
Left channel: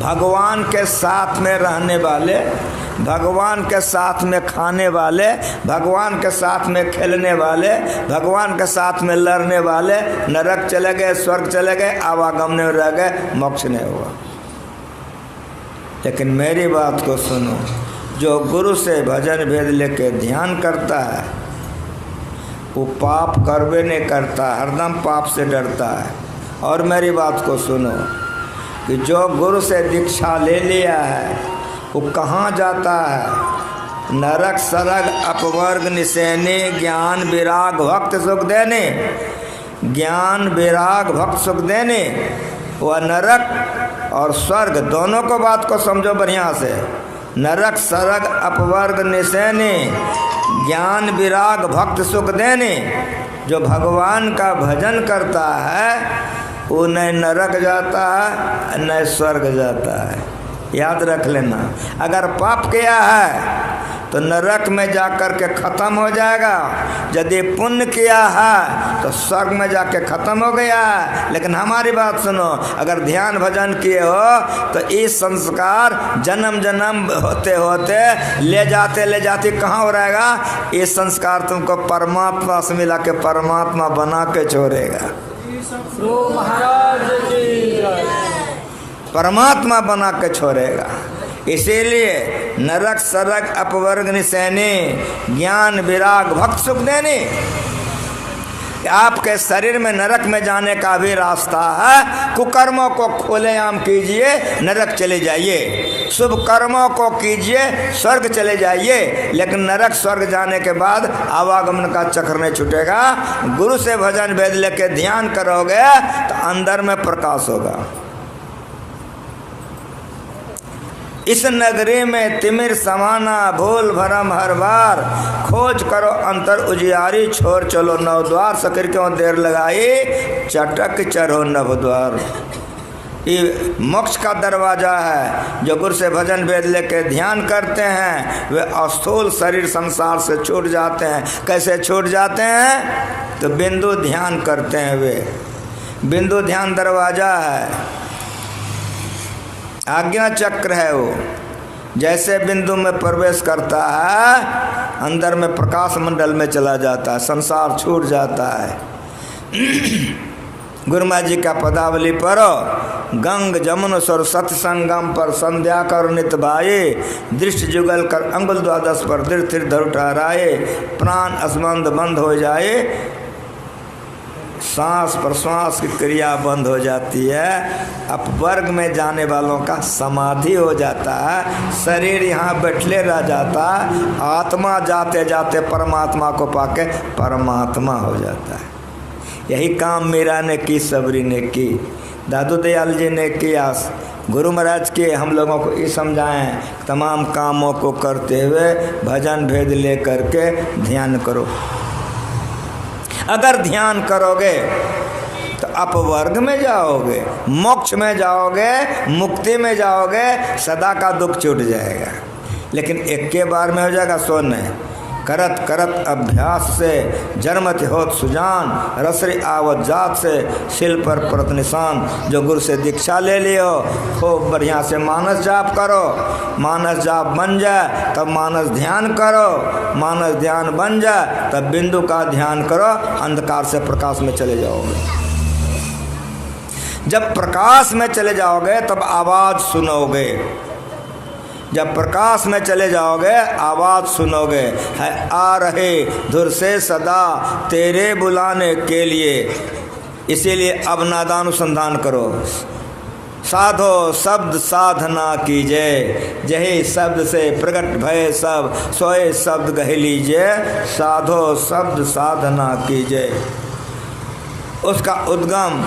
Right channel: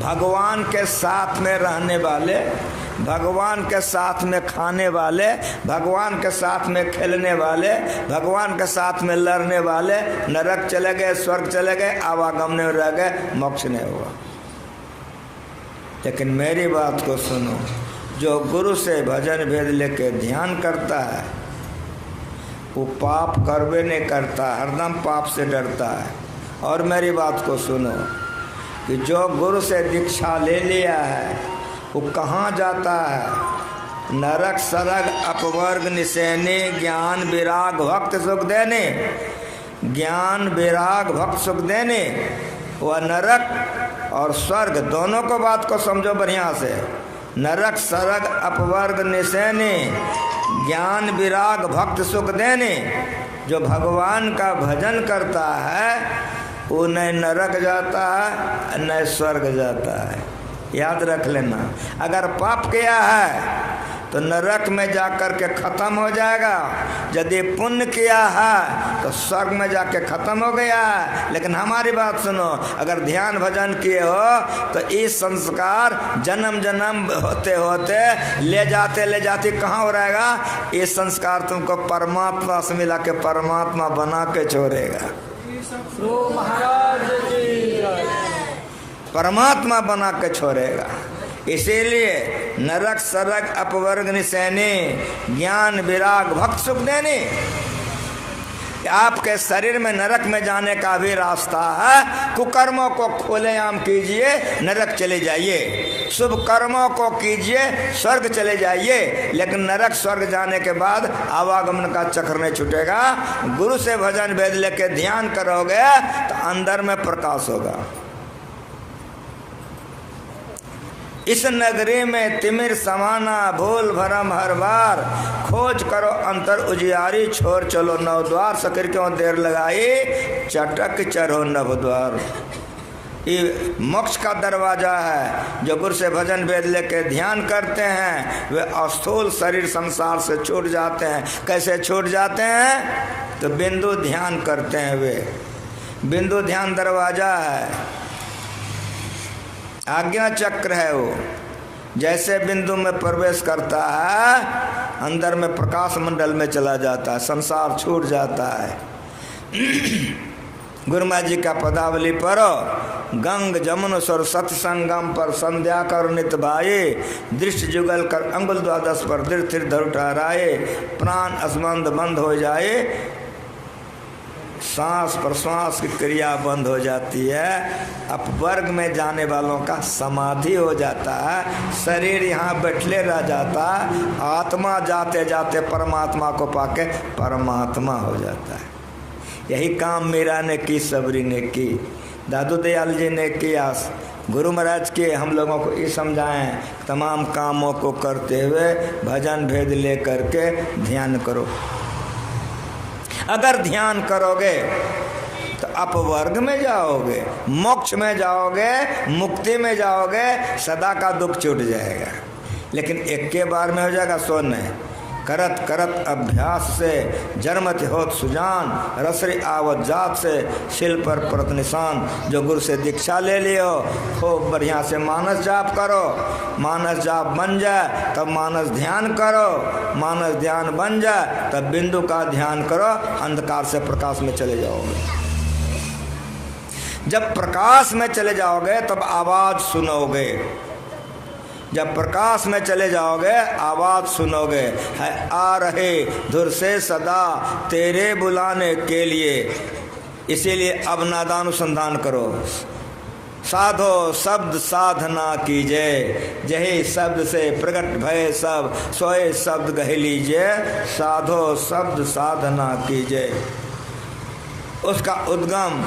भगवान के साथ में रहने वाले, भगवान के साथ में खाने वाले, भगवान के साथ में खेलने वाले, भगवान के साथ में लड़ने वाले नरक चले गए, स्वर्ग चले गए, आवागमन में रह गए, मोक्ष नहीं हुआ। लेकिन मेरी बात को सुनो, जो गुरु से भजन भेद लेके ध्यान करता है वो पाप करवे नहीं करता, हरदम पाप से डरता है। और मेरी बात को सुनो कि जो गुरु से दीक्षा ले लिया है वो कहाँ जाता है? नरक सरग अपवर्ग निशैनी ज्ञान विराग भक्त सुख देने, ज्ञान विराग भक्त सुख देने। वह नरक और स्वर्ग दोनों को बात को समझो बढ़िया से। नरक सरग अपवर्ग निशैनी ज्ञान विराग भक्त सुख देने। जो भगवान का भजन करता है वो न नरक जाता है न स्वर्ग जाता है। याद रख लेना, अगर पाप किया है तो नरक में जाकर के खत्म हो जाएगा, यदि पुण्य किया है तो स्वर्ग में जाके खत्म हो गया है। लेकिन हमारी बात सुनो, अगर ध्यान भजन किए हो तो इस संस्कार जन्म जन्म होते होते ले जाते कहाँ हो रहेगा? ये संस्कार तुमको परमात्मा से मिला के परमात्मा बना के छोड़ेगा, परमात्मा बना के छोड़ेगा। इसीलिए नरक सरग अपवर्ग निशैनी ज्ञान विराग भक्त सुख देने। आपके शरीर में नरक में जाने का भी रास्ता है। कुकर्मों को खुलेआम कीजिए, नरक चले जाइए। शुभ कर्मों को कीजिए, स्वर्ग चले जाइए। लेकिन नरक स्वर्ग जाने के बाद आवागमन का चक्र नहीं छूटेगा। गुरु से भजन भेद लेके ध्यान करोगे तो अंदर में प्रकाश होगा। इस नगरी में तिमिर समाना भूल भरम हर बार, खोज करो अंतर उजियारी छोड़ चलो नव द्वार। सकर क्यों देर लगाई चटक चढ़ो नव द्वार। ये मोक्ष का दरवाजा है। जो गुरु से भजन वेद लेके ध्यान करते हैं वे अस्थूल शरीर संसार से छूट जाते हैं। कैसे छूट जाते हैं? तो बिंदु ध्यान करते हैं। वे बिंदु ध्यान दरवाजा है, आज्ञा चक्र है। वो जैसे बिंदु में प्रवेश करता है अंदर में प्रकाश मंडल में चला जाता है, संसार छूट जाता है। गुरुमा जी का पदावली पढ़ो, गंग जमुन सरस्वती संगम पर संध्या कर नित भाए, दृष्टि जुगल कर अंगुल द्वादश पर तीर्थ धर ठहराए, प्राण असबंध बंद हो जाए, सांस प्रश्वास की क्रिया बंद हो जाती है। अपवर्ग में जाने वालों का समाधि हो जाता है, शरीर यहाँ बैठले रह जाता, आत्मा जाते जाते परमात्मा को पाके परमात्मा हो जाता है। यही काम मीरा ने की, सबरी ने की। दादू दयाल जी ने किया, गुरु महाराज के हम लोगों को ये समझाएं, तमाम कामों को करते हुए भजन भेद ले करके ध्यान करो। अगर ध्यान करोगे तो अपवर्ग में जाओगे, मोक्ष में जाओगे, मुक्ति में जाओगे, सदा का दुख छूट जाएगा। लेकिन एक के बार में हो जाएगा सो नहीं। करत करत अभ्यास से जन्मत होत सुजान, रसरी आवत जात से शिल पर परत निशान। जो गुरु से दीक्षा ले लियो खूब बढ़िया से मानस जाप करो, मानस जाप बन जाए तब मानस ध्यान करो, मानस ध्यान बन जाए तब बिंदु का ध्यान करो, अंधकार से प्रकाश में चले जाओगे। जब प्रकाश में चले जाओगे तब आवाज सुनोगे, जब प्रकाश में चले जाओगे आवाज सुनोगे, है आ रहे धुर से सदा तेरे बुलाने के लिए। इसीलिए अब नादानुसंधान करो। साधो शब्द साधना कीजिए, यही शब्द से प्रकट भय सब, सोए शब्द कह लीजिए। साधो शब्द साधना कीजिए। उसका उद्गम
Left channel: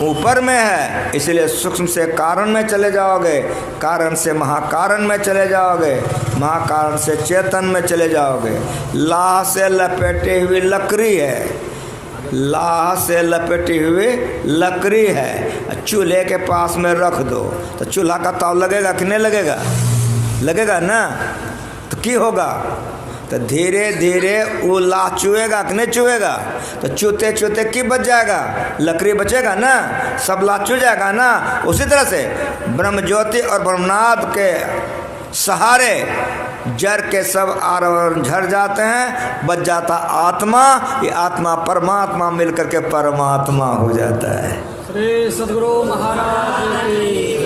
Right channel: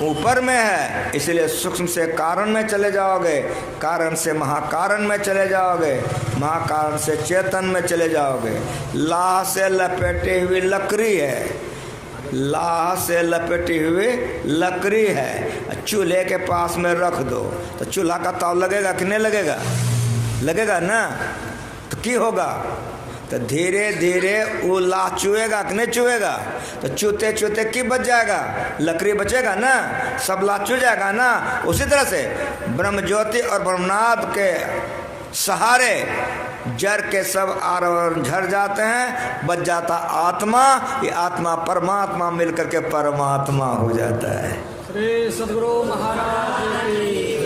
ऊपर में है, इसलिए सूक्ष्म से कारण में चले जाओगे, कारण से महाकारण में चले जाओगे, महाकारण से चेतन में चले जाओगे। लाह से लपेटी हुई लकड़ी है, लाह से लपेटी हुई लकड़ी है, चूल्हे के पास में रख दो तो चूल्हा का ताव लगेगा कि नहीं लगेगा? लगेगा ना। तो क्या होगा? तो धीरे धीरे वो लाह चुएगा कि नहीं चुएगा? तो चूते चूते की बच जाएगा? लकड़ी बचेगा ना, सब लाह चू जाएगा ना। उसी तरह से ब्रह्म ज्योति और ब्रह्मनाद के सहारे जड़ के सब आरोहण झड़ जाते हैं, बच जाता आत्मा। ये आत्मा परमात्मा मिलकर के परमात्मा हो जाता है। श्री सद्गुरु महाराज की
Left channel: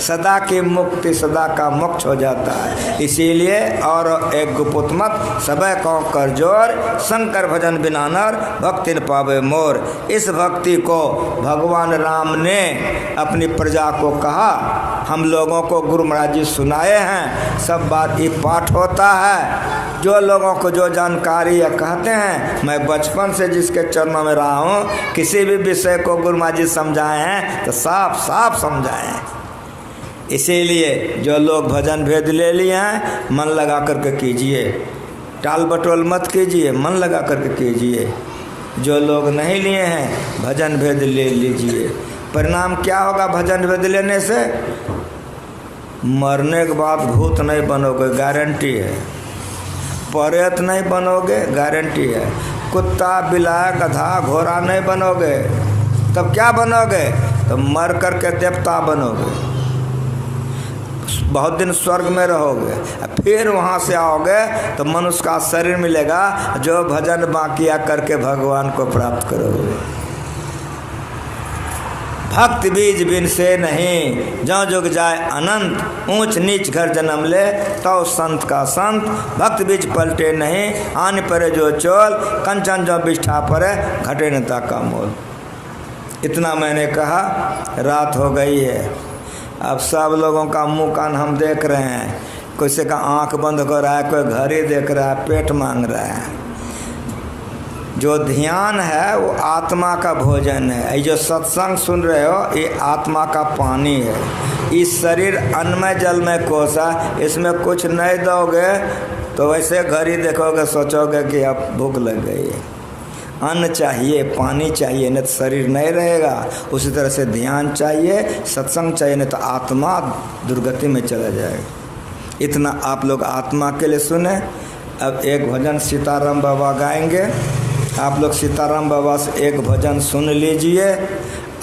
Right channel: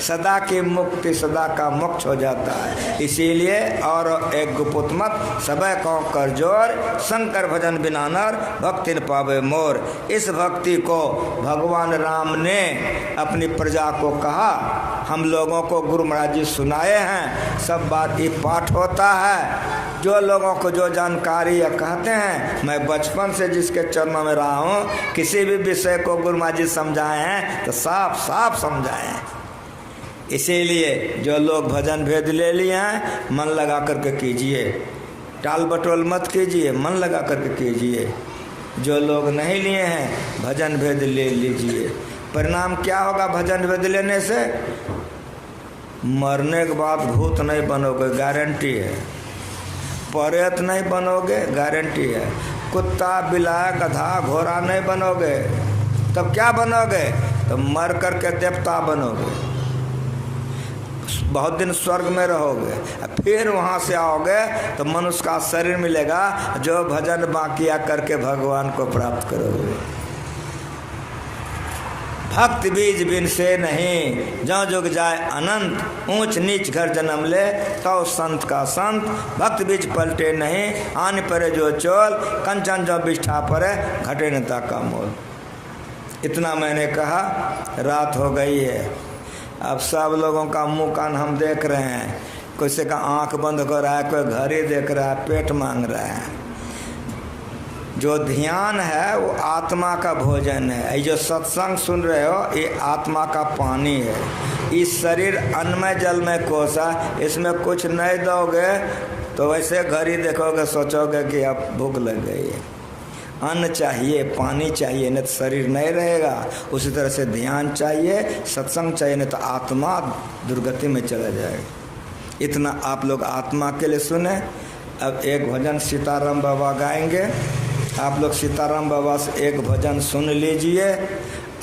सदा की मुक्ति, सदा का मोक्ष हो जाता है। इसीलिए और एक गुपुत मत सबे को कर जोर, शंकर भजन बिना नर भक्ति न पावे मोर। इस भक्ति को भगवान राम ने अपनी प्रजा को कहा, हम लोगों को गुरु महाराज जी सुनाए हैं। सब बात ही पाठ होता है। जो लोगों को जो जानकारी या कहते हैं, मैं बचपन से जिसके चरणों में रहा हूँ, किसी भी विषय को गुरु महाराज जी समझाए हैं तो साफ साफ समझाए हैं। इसीलिए जो लोग भजन भेद ले लिए हैं, मन लगा करके कीजिए, टाल बटोल मत कीजिए, मन लगा करके कीजिए। जो लोग नहीं लिए हैं भजन भेद ले लीजिए। परिणाम क्या होगा भजन भेद लेने से? मरने के बाद भूत नहीं बनोगे, गारंटी है। प्रेत नहीं बनोगे, गारंटी है। कुत्ता बिलाय गधा घोड़ा नहीं बनोगे। तब क्या बनोगे? तो मर करके देवता बनोगे, बहुत दिन स्वर्ग में रहोगे, फिर वहाँ से आओगे तो मनुष्य का शरीर मिलेगा, जो भजन बाकिया करके भगवान को प्राप्त करोगे। भक्त बीज बिन से नहीं, जो जुग जाए अनंत, ऊंच नीच घर जन्म ले तो संत का संत। भक्त बीज पलटे नहीं, आन परे जो चोल, कंचन जो बिष्ठा परे घटे नता का मोल। इतना मैंने कहा, रात हो गई है। अब सब लोगों का मुंह कान हम देख रहे हैं, किसी का आंख बंद कर रहा है, कोई घड़ी देख रहा है, पेट मांग रहा है। जो ध्यान है वो आत्मा का भोजन है। ये जो सत्संग सुन रहे हो ये आत्मा का पानी है। इस शरीर अन्नमय जल में कोसा, इसमें कुछ नहीं दोगे तो वैसे घड़ी देखोगे, सोचोगे कि अब भूख लग गई है। अन्न चाहिए, पानी चाहिए, नहीं तो शरीर नहीं रहेगा। उसी तरह से ध्यान चाहिए, सत्संग चाहिए, नहीं तो आत्मा दुर्गति में चला जाएगा। इतना आप लोग आत्मा के लिए सुने। अब एक भजन सीताराम बाबा गाएंगे, आप लोग सीताराम बाबा से एक भजन सुन लीजिए,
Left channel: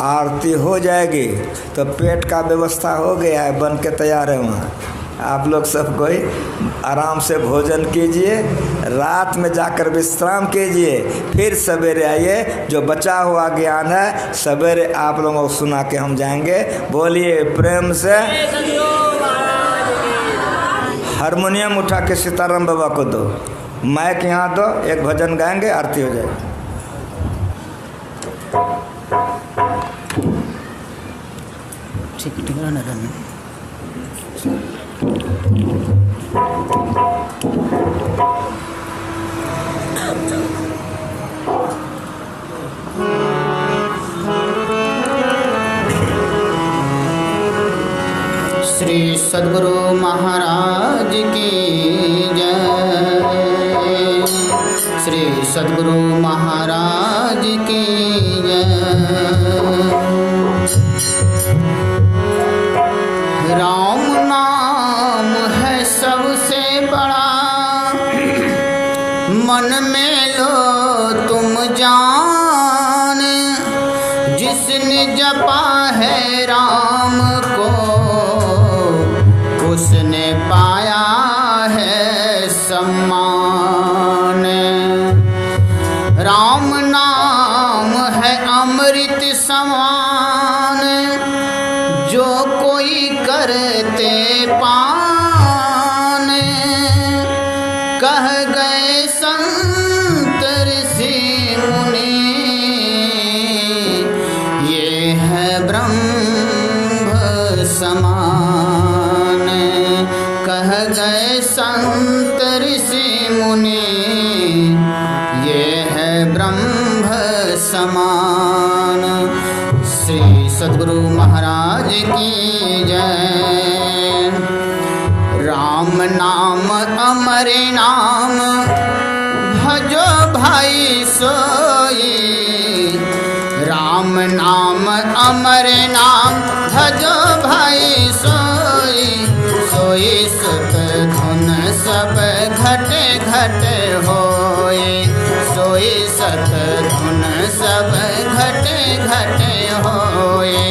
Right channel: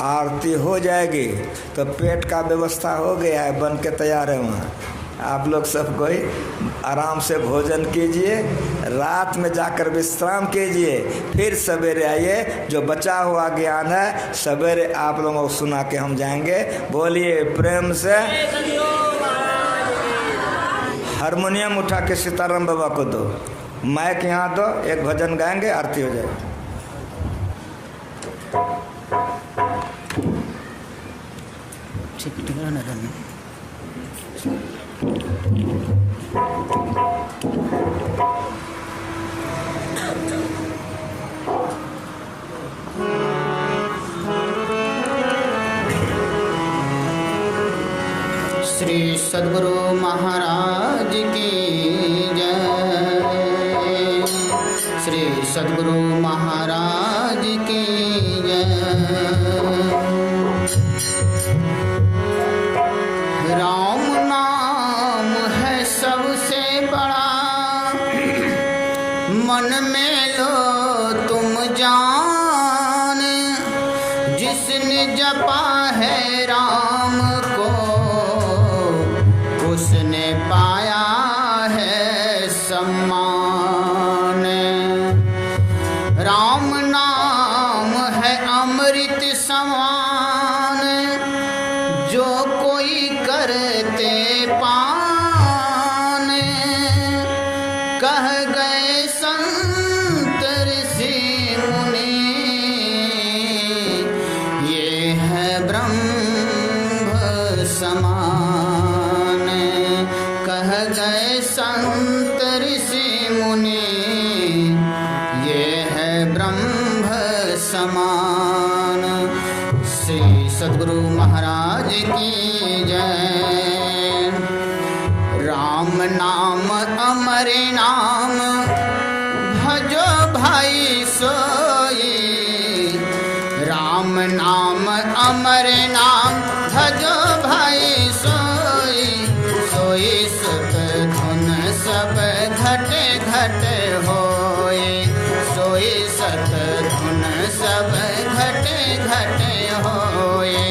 आरती हो जाएगी। तो पेट का व्यवस्था हो गया है, बन के तैयार है वहाँ। आप लोग सब कोई आराम से भोजन कीजिए, रात में जाकर विश्राम कीजिए, फिर सवेरे आइए। जो बचा हुआ ज्ञान है सवेरे आप लोगों को सुना के हम जाएंगे। बोलिए प्रेम से। हारमोनियम उठा के सीताराम बाबा को दो, माइक यहाँ दो, एक भजन गाएंगे, आरती हो जाएगी। ठीक ना श्री सद्गुरु महाराज की जय। श्री सद्गुरु महाराज की जय। राम नाम है सबसे बड़ा, मन में लो तुम जान। जिसने जपा है राम को, उसने पाया है सम्मान। राम नाम है अमृत समान, जो कोई करते पान। कह गए संत ऋषि मुनि, ये है ब्रह्म समान। कह गए संत ऋषि मुनि, ये है ब्रह्म समान। श्री सद्गुरु महाराज की जय। राम नाम अमर नाम, भजो भाई सोई। राम नाम अमर नाम, भजो भाई सोई। सोई सुख धुन सब घटे घटे होई। सोई सत धुन सब घटे घटे होई।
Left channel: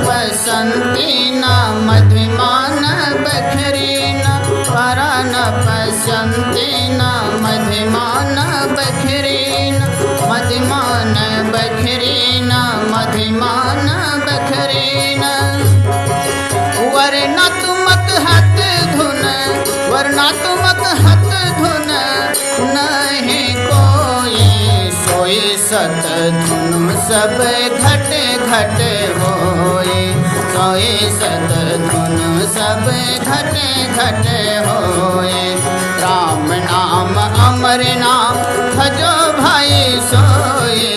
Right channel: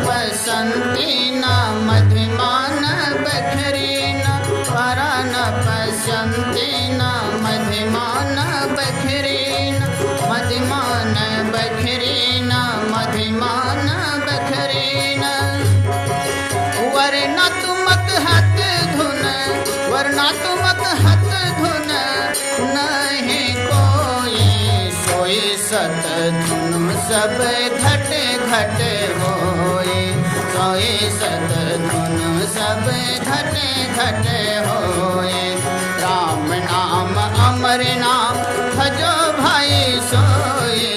बसंती न मधिमान बखरीन, परान बसंती न मधिमान बखरीन। मधिमान बखरीन, मधिमान बखरीन। वरना तुमक हत धुन, वरना तुमक हत धुन नहीं कोई। सोई सत धुन सब घटे घटे होई। सोई सत धुन सब घटे घटे होई। राम नाम अमर नाम, भजो भाई सोई।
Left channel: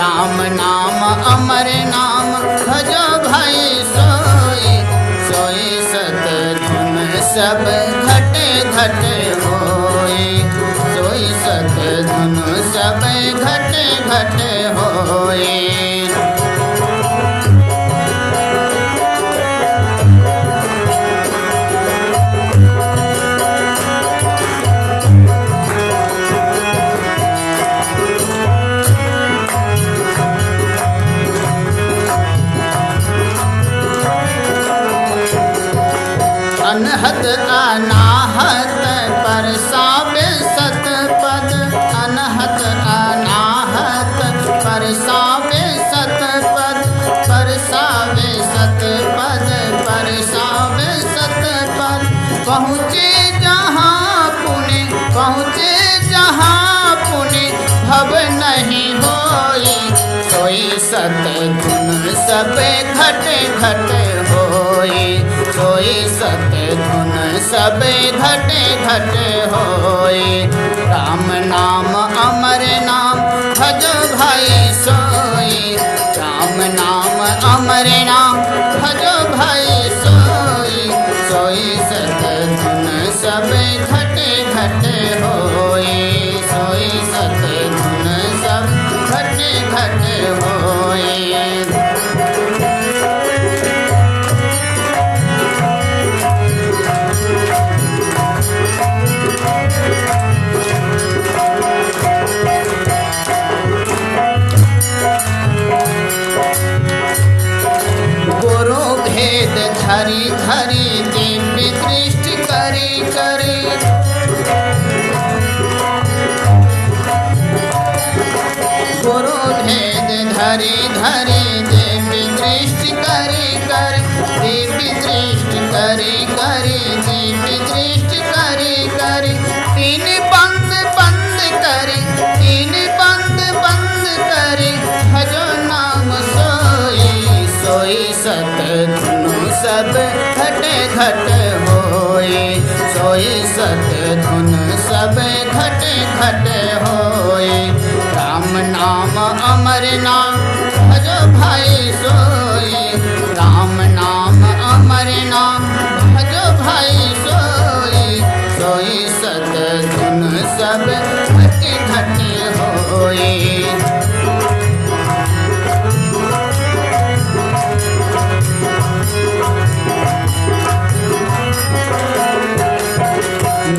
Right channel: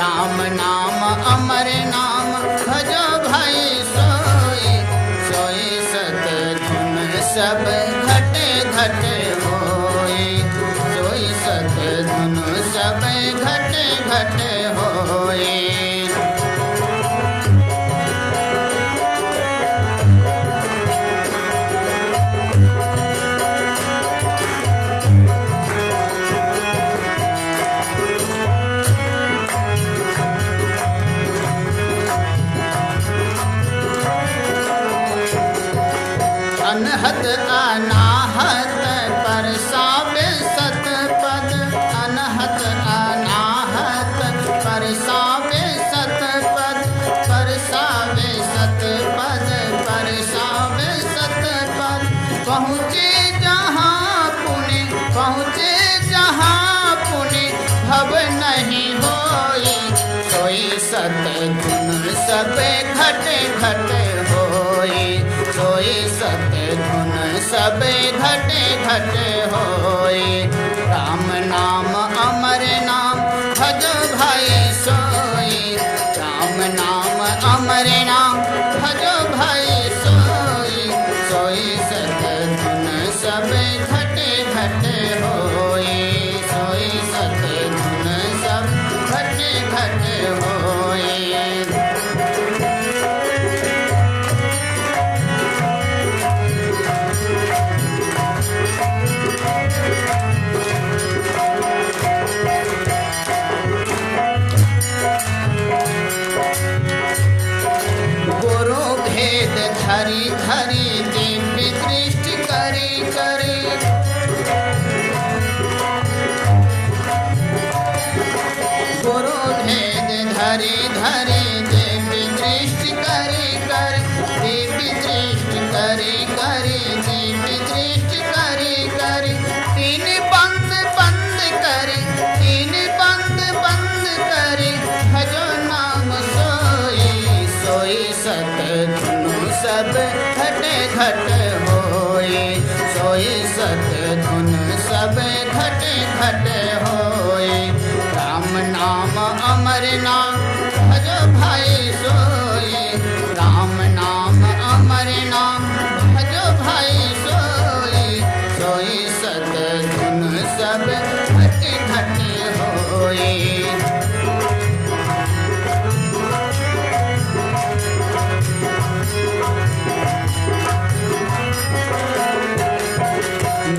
राम नाम अमर नाम, भजो भाई सोई। सोई सत धुन सब घटे घटे होई। सोई सत धुन सब घटे घटे होई। अनहद अनाहत परसावे सतपद। अनहद अनाहत परसावे सतपद। परसावे सतपद, परसावे सतपद। पहुँचे जहाँ पुण्य, पहुँचे जहाँ पुण्य, भव नहीं होई। सोई सत धुन सब घटे घटे होई। सोई सत धुन सब घटे घटे होई। राम नाम अमर नाम, भजो भाई सोई। राम नाम अमर नाम, भजो भाई सोई। सोई सत धुन सब घटे घटे होई। सोई सत धुन सब घटे घटे होई। सोई सत धुन सब घटे घटे होए। राम नाम अमर नाम भजो भाई सोई। राम नाम अमर नाम भजो भाई सोई। सोई सत धुन सब घटे घटे होए।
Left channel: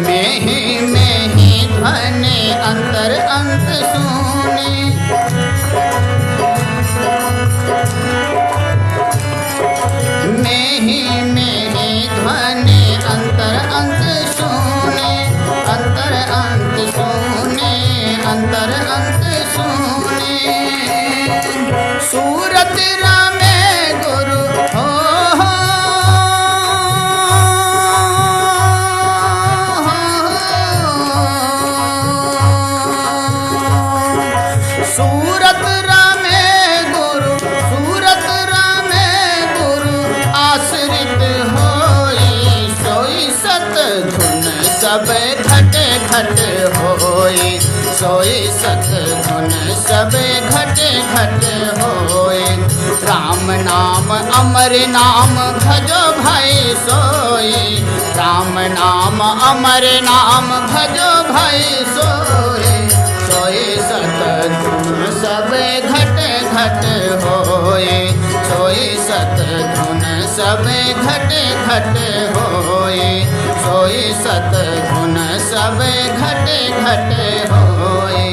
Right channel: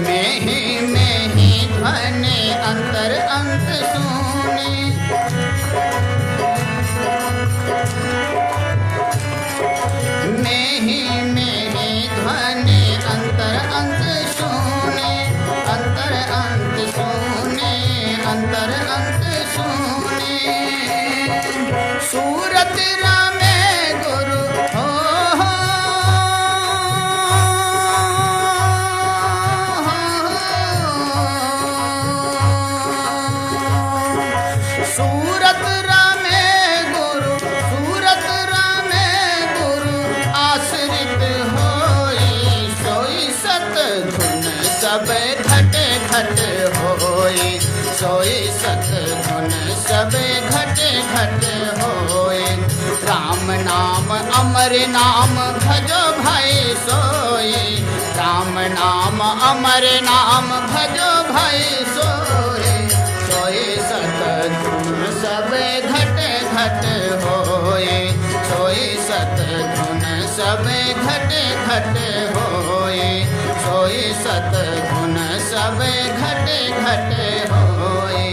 में ही ध्वनि अंतर अंत सुनी। में ही ध्वनि अंतर अंत सुनी। अंतर अंत सुनी। अंतर अंत सुनी। सूरत रामे गुरु हो सूरत रामे गुरु। सूरत रामे गुरु आश्रित होई। सोई सत धुन सब घटे घटे होई। सोई सत धुन सब घटे घटे होई। राम नाम अमर नाम भजो भाई सोई। राम नाम अमर नाम भजो भाई सोई। सोई सत धुन सब घटे घटे होए। सोई सत धुन सब घटे घटे होए। सोई सत धुन सब घटे घटे होए।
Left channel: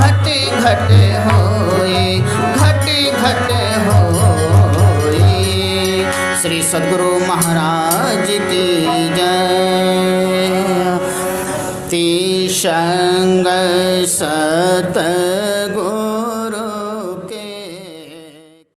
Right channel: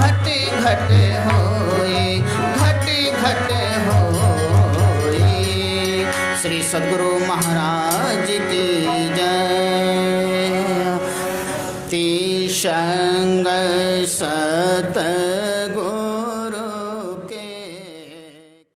घटे घटे होए। घटे घटे होए। श्री सद्गुरु महाराज की जय। ती संग सत